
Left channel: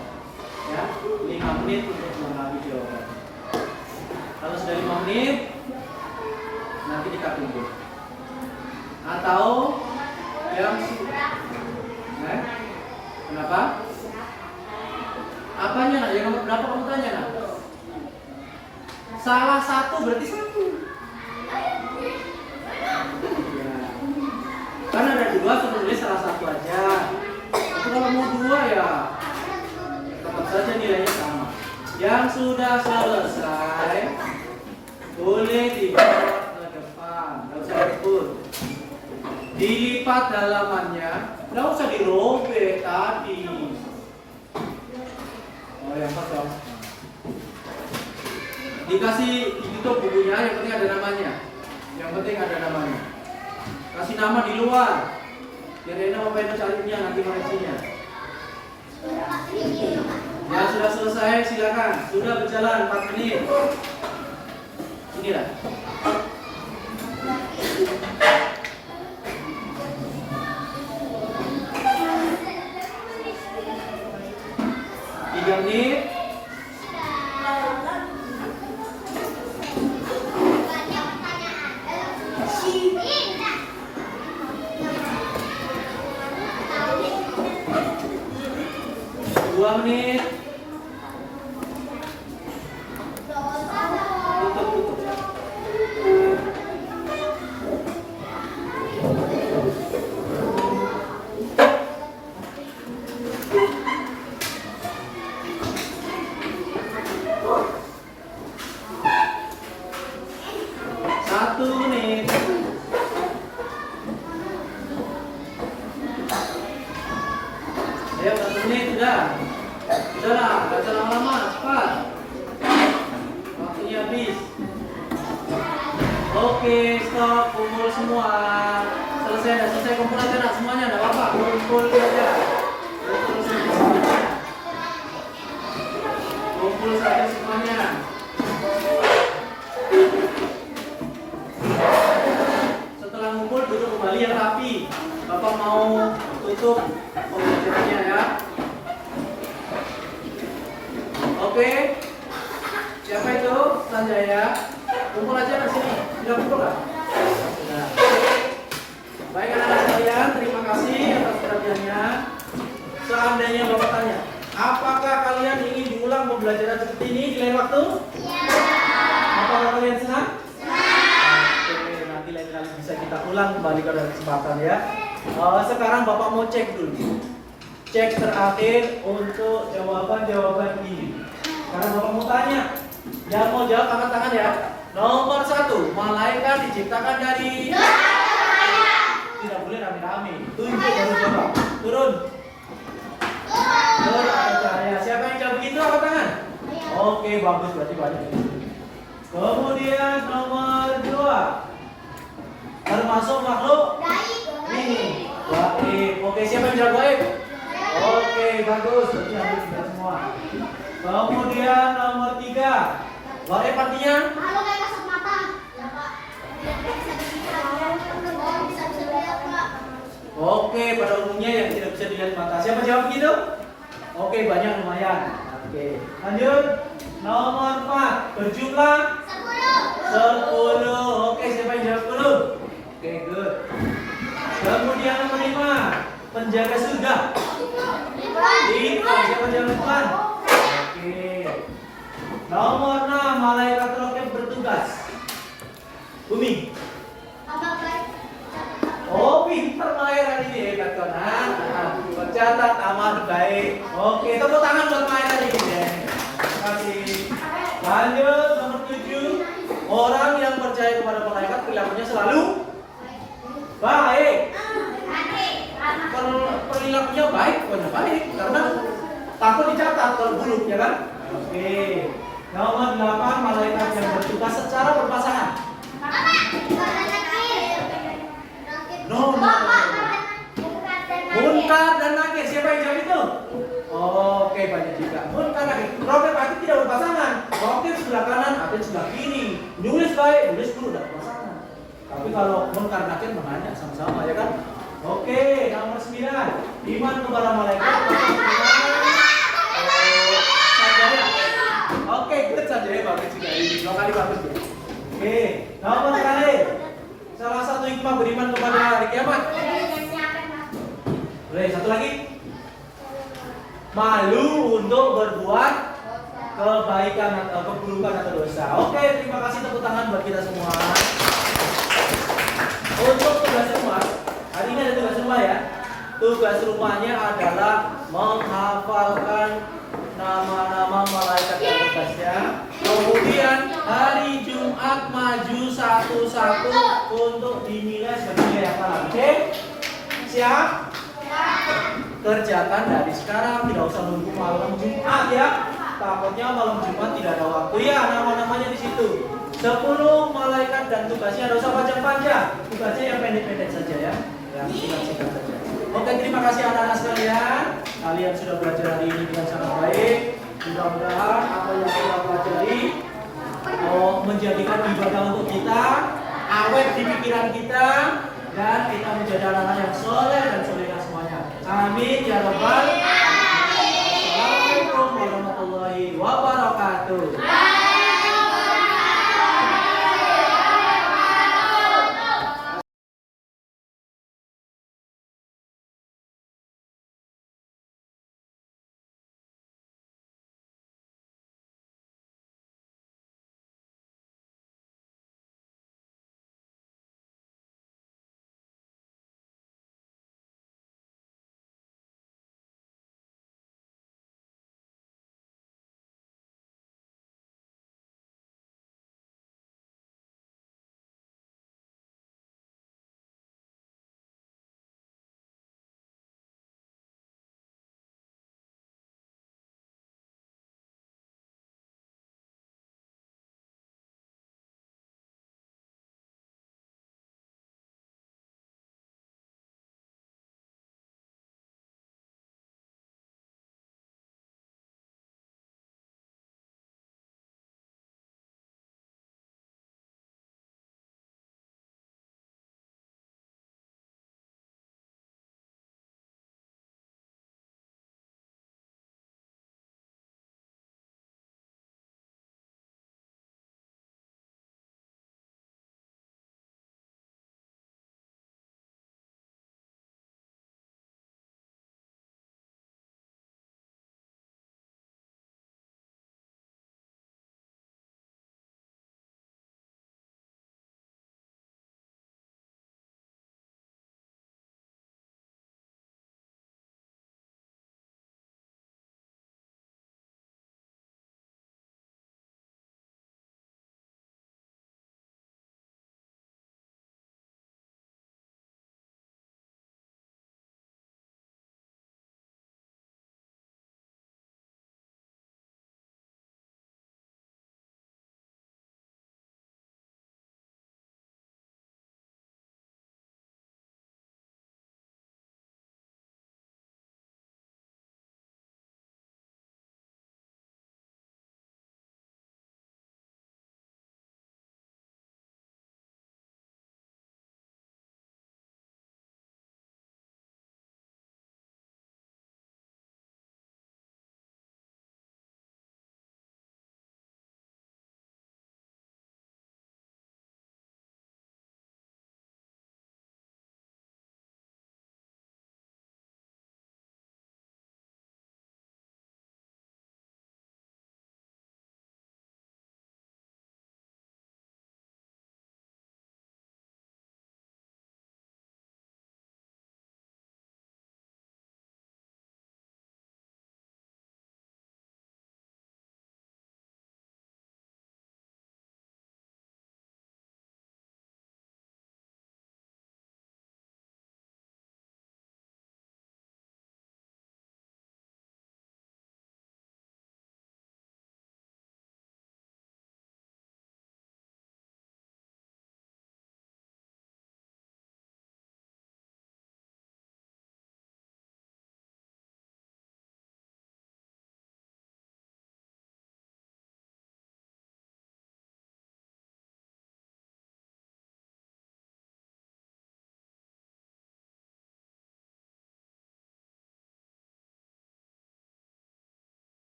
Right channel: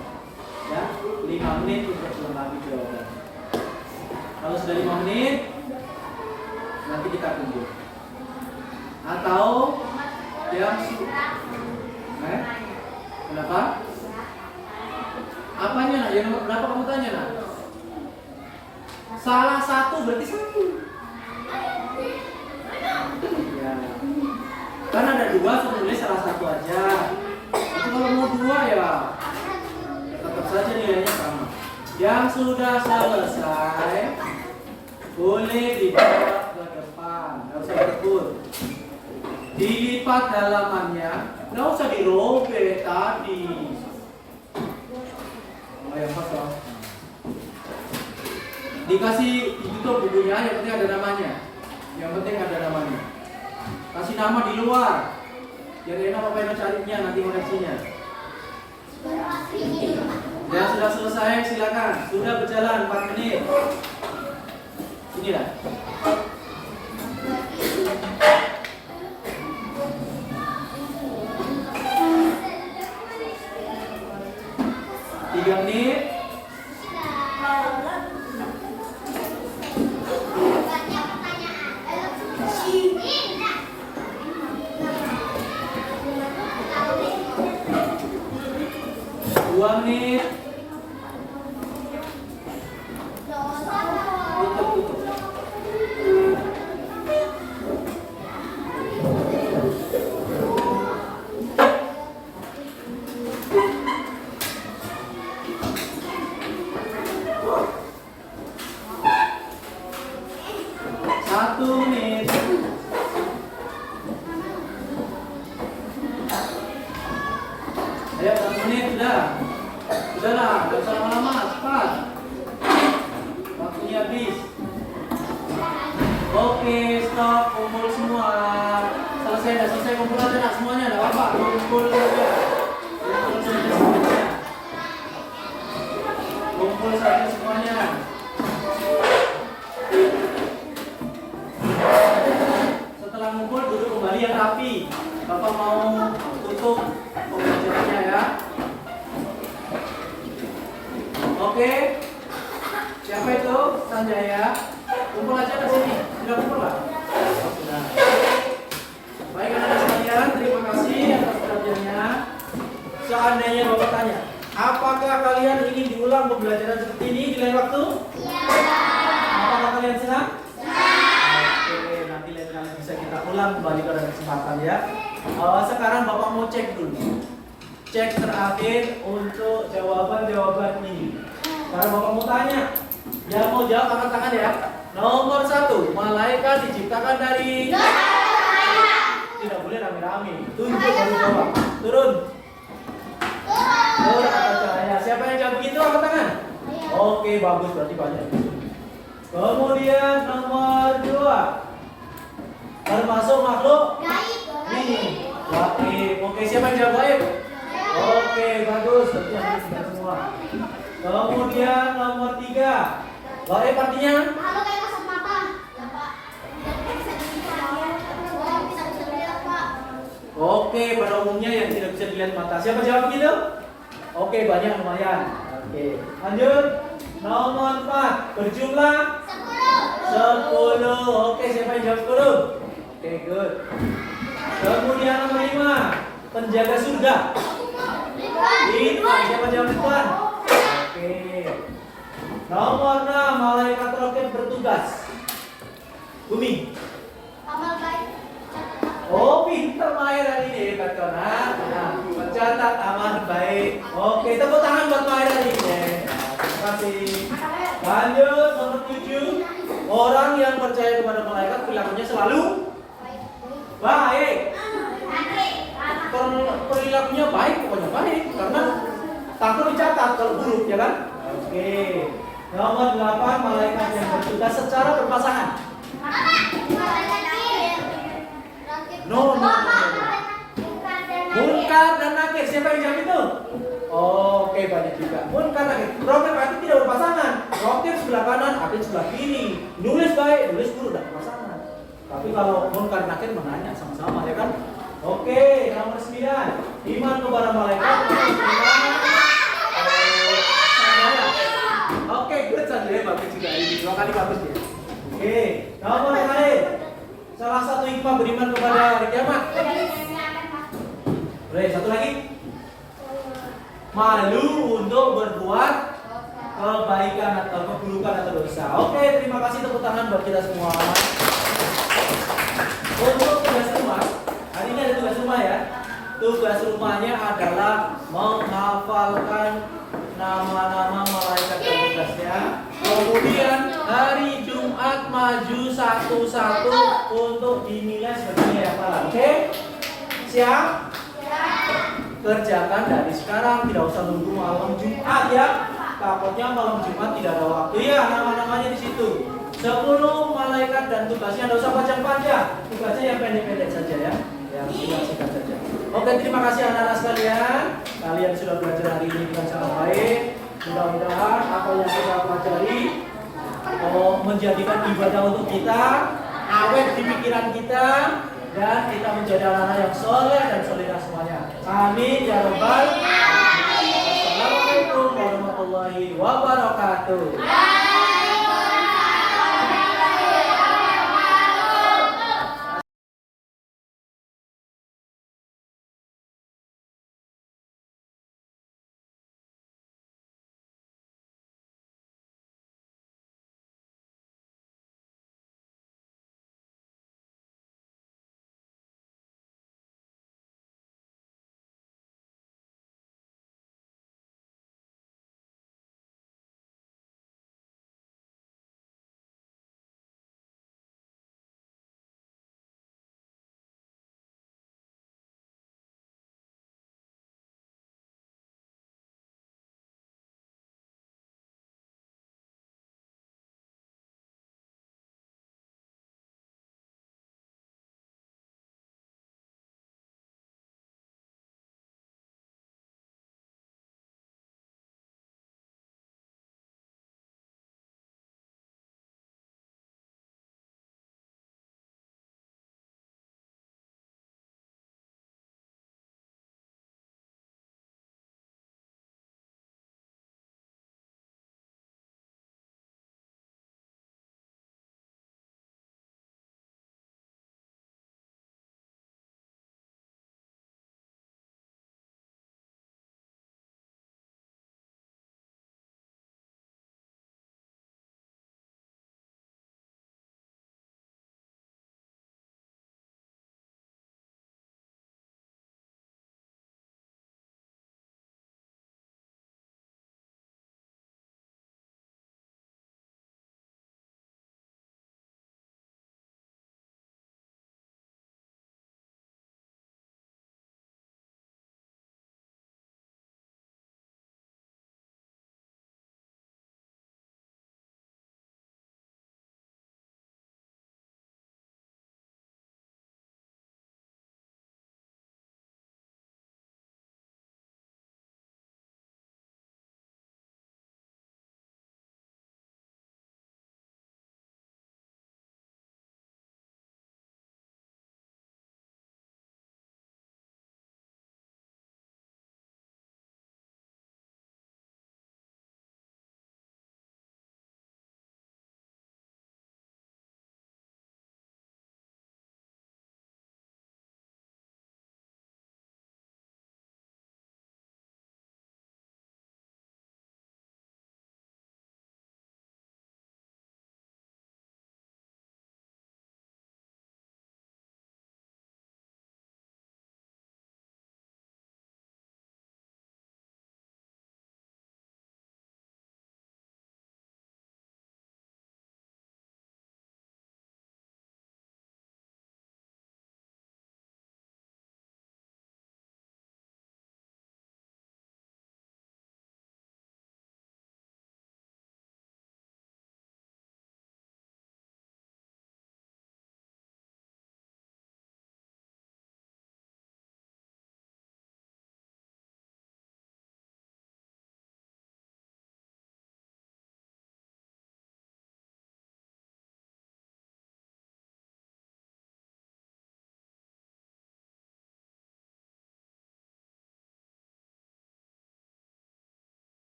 Ya, 5 menit untuk melengkapi jawaban. Kalau sudah 5 menit, nanti kita tunggu. Atau yang kenapa? Apanya nak? Yang nomor berapa kamu tanya nak? Salah satu berarti 1. Ya. Kan ada 2, sebenarnya salah satu aja. Tapi kalau mau 2 ya tetap saja nilainya sama. Yang sudah selesai boleh dibawa ke depan, nggak usah diukur. Dilipat dalamannya, nggak usah dirobek tadi. Oh yang kosong. Dikasih di YouTube bukunya, yang penting ada namanya. Yang penting ada namanya. Kasih nama di luar. Biar enak Bapak Eno carinya nanti koreksinya. Ya sudah selesai, silakan. Sudah berjalan 4 menit. Inilah. Tiga menit. Dua menit. Tutup. Satu menit. Ayo 1 menit sudah. Sudahlah, gak usah lama-lama, cepat. Waktunya habis. Oke, stop, kumpul semua. Selesai kumpul aja nak semuanya, enggak apa-apa. Kumpul saja. Kumpul saja semuanya. Setelah ngumpul duduk kembali yang rapi. Bapak mau tutup pembelajarannya ya. Oke. Siapa itu? Sanjaya. Kumpul aja di sini. Sudah kumpul lah? Sudah. Baik anak-anak sekalian, terima kasih atas perhatiannya. Seandainya Bapak tanya, apakah kalian ingin diulang pembelajaran seperti ini di lain waktu? Iya. Apakah kalian senang? Oke, nanti lain kali bisa kita ulang kembali pada kesempatan ya. Sekarang Bapak mau cek dulu. Cek terakhir untuk jawaban-jawaban ini. Karena Bapak mau tanya, yang mau jawab angkat tangan ya. Nomor 1, malaikat diciptakan dari. Tidak boleh rame-rame. Tunjuk baru jawab. Turun. Turun atau cahaya. Siapa yang jawab begitu angkat tangan? Oke, bagus berarti banyak. Kemudian nomor 2, termasuk makhluk ini. Gaib. Oke, siapa yang jawab gaib? Oke, bagus. Berarti hampir tidak semua. Kemudian nomor 3, gaib artinya? Makhluk yang kasat mata. Oke, pada umumnya yang tidak bisa dilihat mata. Siapa jawab begitu? Oke, banyak lumayan. Oke, lanjut. Nomor 4, berjumlah 10. Oke, siapa yang jawab 10? Oke, good. Kemudian nomor 5, penjaga surga. Siapa jawab Tuhan? Oke. Nomor 6, malaikat roket bertugas. Bumi. Oh, pinter Maher hari ini, hebat kau nak. Mencatat aman baik. Oke, tepuk tangan buat Maher hari ini. Terima kasih. Lanjut nomor 7, orang yang percaya kepada malaikat perilakunya selalu baik. Perilakunya baik, pokoknya baik karena takut dicatat kalau buruk ya kan? Oke. Nomor 8, malaikat yang bertugas secara berpasangan. No. Munkar dan nakir, siapa yang jawab itu? Oke, banyak juga. Munkar nakir. Roket Atit tidak berpasangan. Roket sebelah kanan, Atit sebelah kiri. Nulis baik, nulis dulu udah berpasangan. Tapi kalau munkar nakir menanya sama-sama ya kan? Oke, nomor 9, iman kepada malaikat. Sanjaya. Oke, good Sanjaya, bagus juga ini. 2 kali bagus ya. Oke, nomor terakhir. Salah satu hikmah beriman kepada hari kiamat. Boleh, satu lagi. Malu untuk berbuat kebaikan atau keburukan atau dosa. Oke, terima kasih, tepuk tangan buat kita semua. Untuk tugas rumah, hari ini ada tugas rumah ya. Tugas rumahnya adalah menghafalkan nama-nama malaikat dan tugasnya. Kemudian hari Jumat maju satu-satu untuk dinilai sebagai hafalan. Oke? Siap? Kerjakan dari sekarang, tidak usah nunggu malam Jumat ya. takutnya malam Jumat tidak ada waktu ya, nama-namanya di situ. 10 malaikat dan tugasnya tidak usah panjang-panjang, tugasnya yang pendek-pendek saja ya, yang singkat-singkat saja. Oke, terima kasih anak-anak sekalian. Kalian sudah belajar hari ini dengan sangat baik. Mudah-mudahan apa yang kita pelajari menjadikan ibadah untuk kita, awet di pikiran kita, dan kita menjadi anak-anak yang soleh dan solehah semuanya. Amin ya rabbal alamin. Assalamualaikum warahmatullahi wabarakatuh.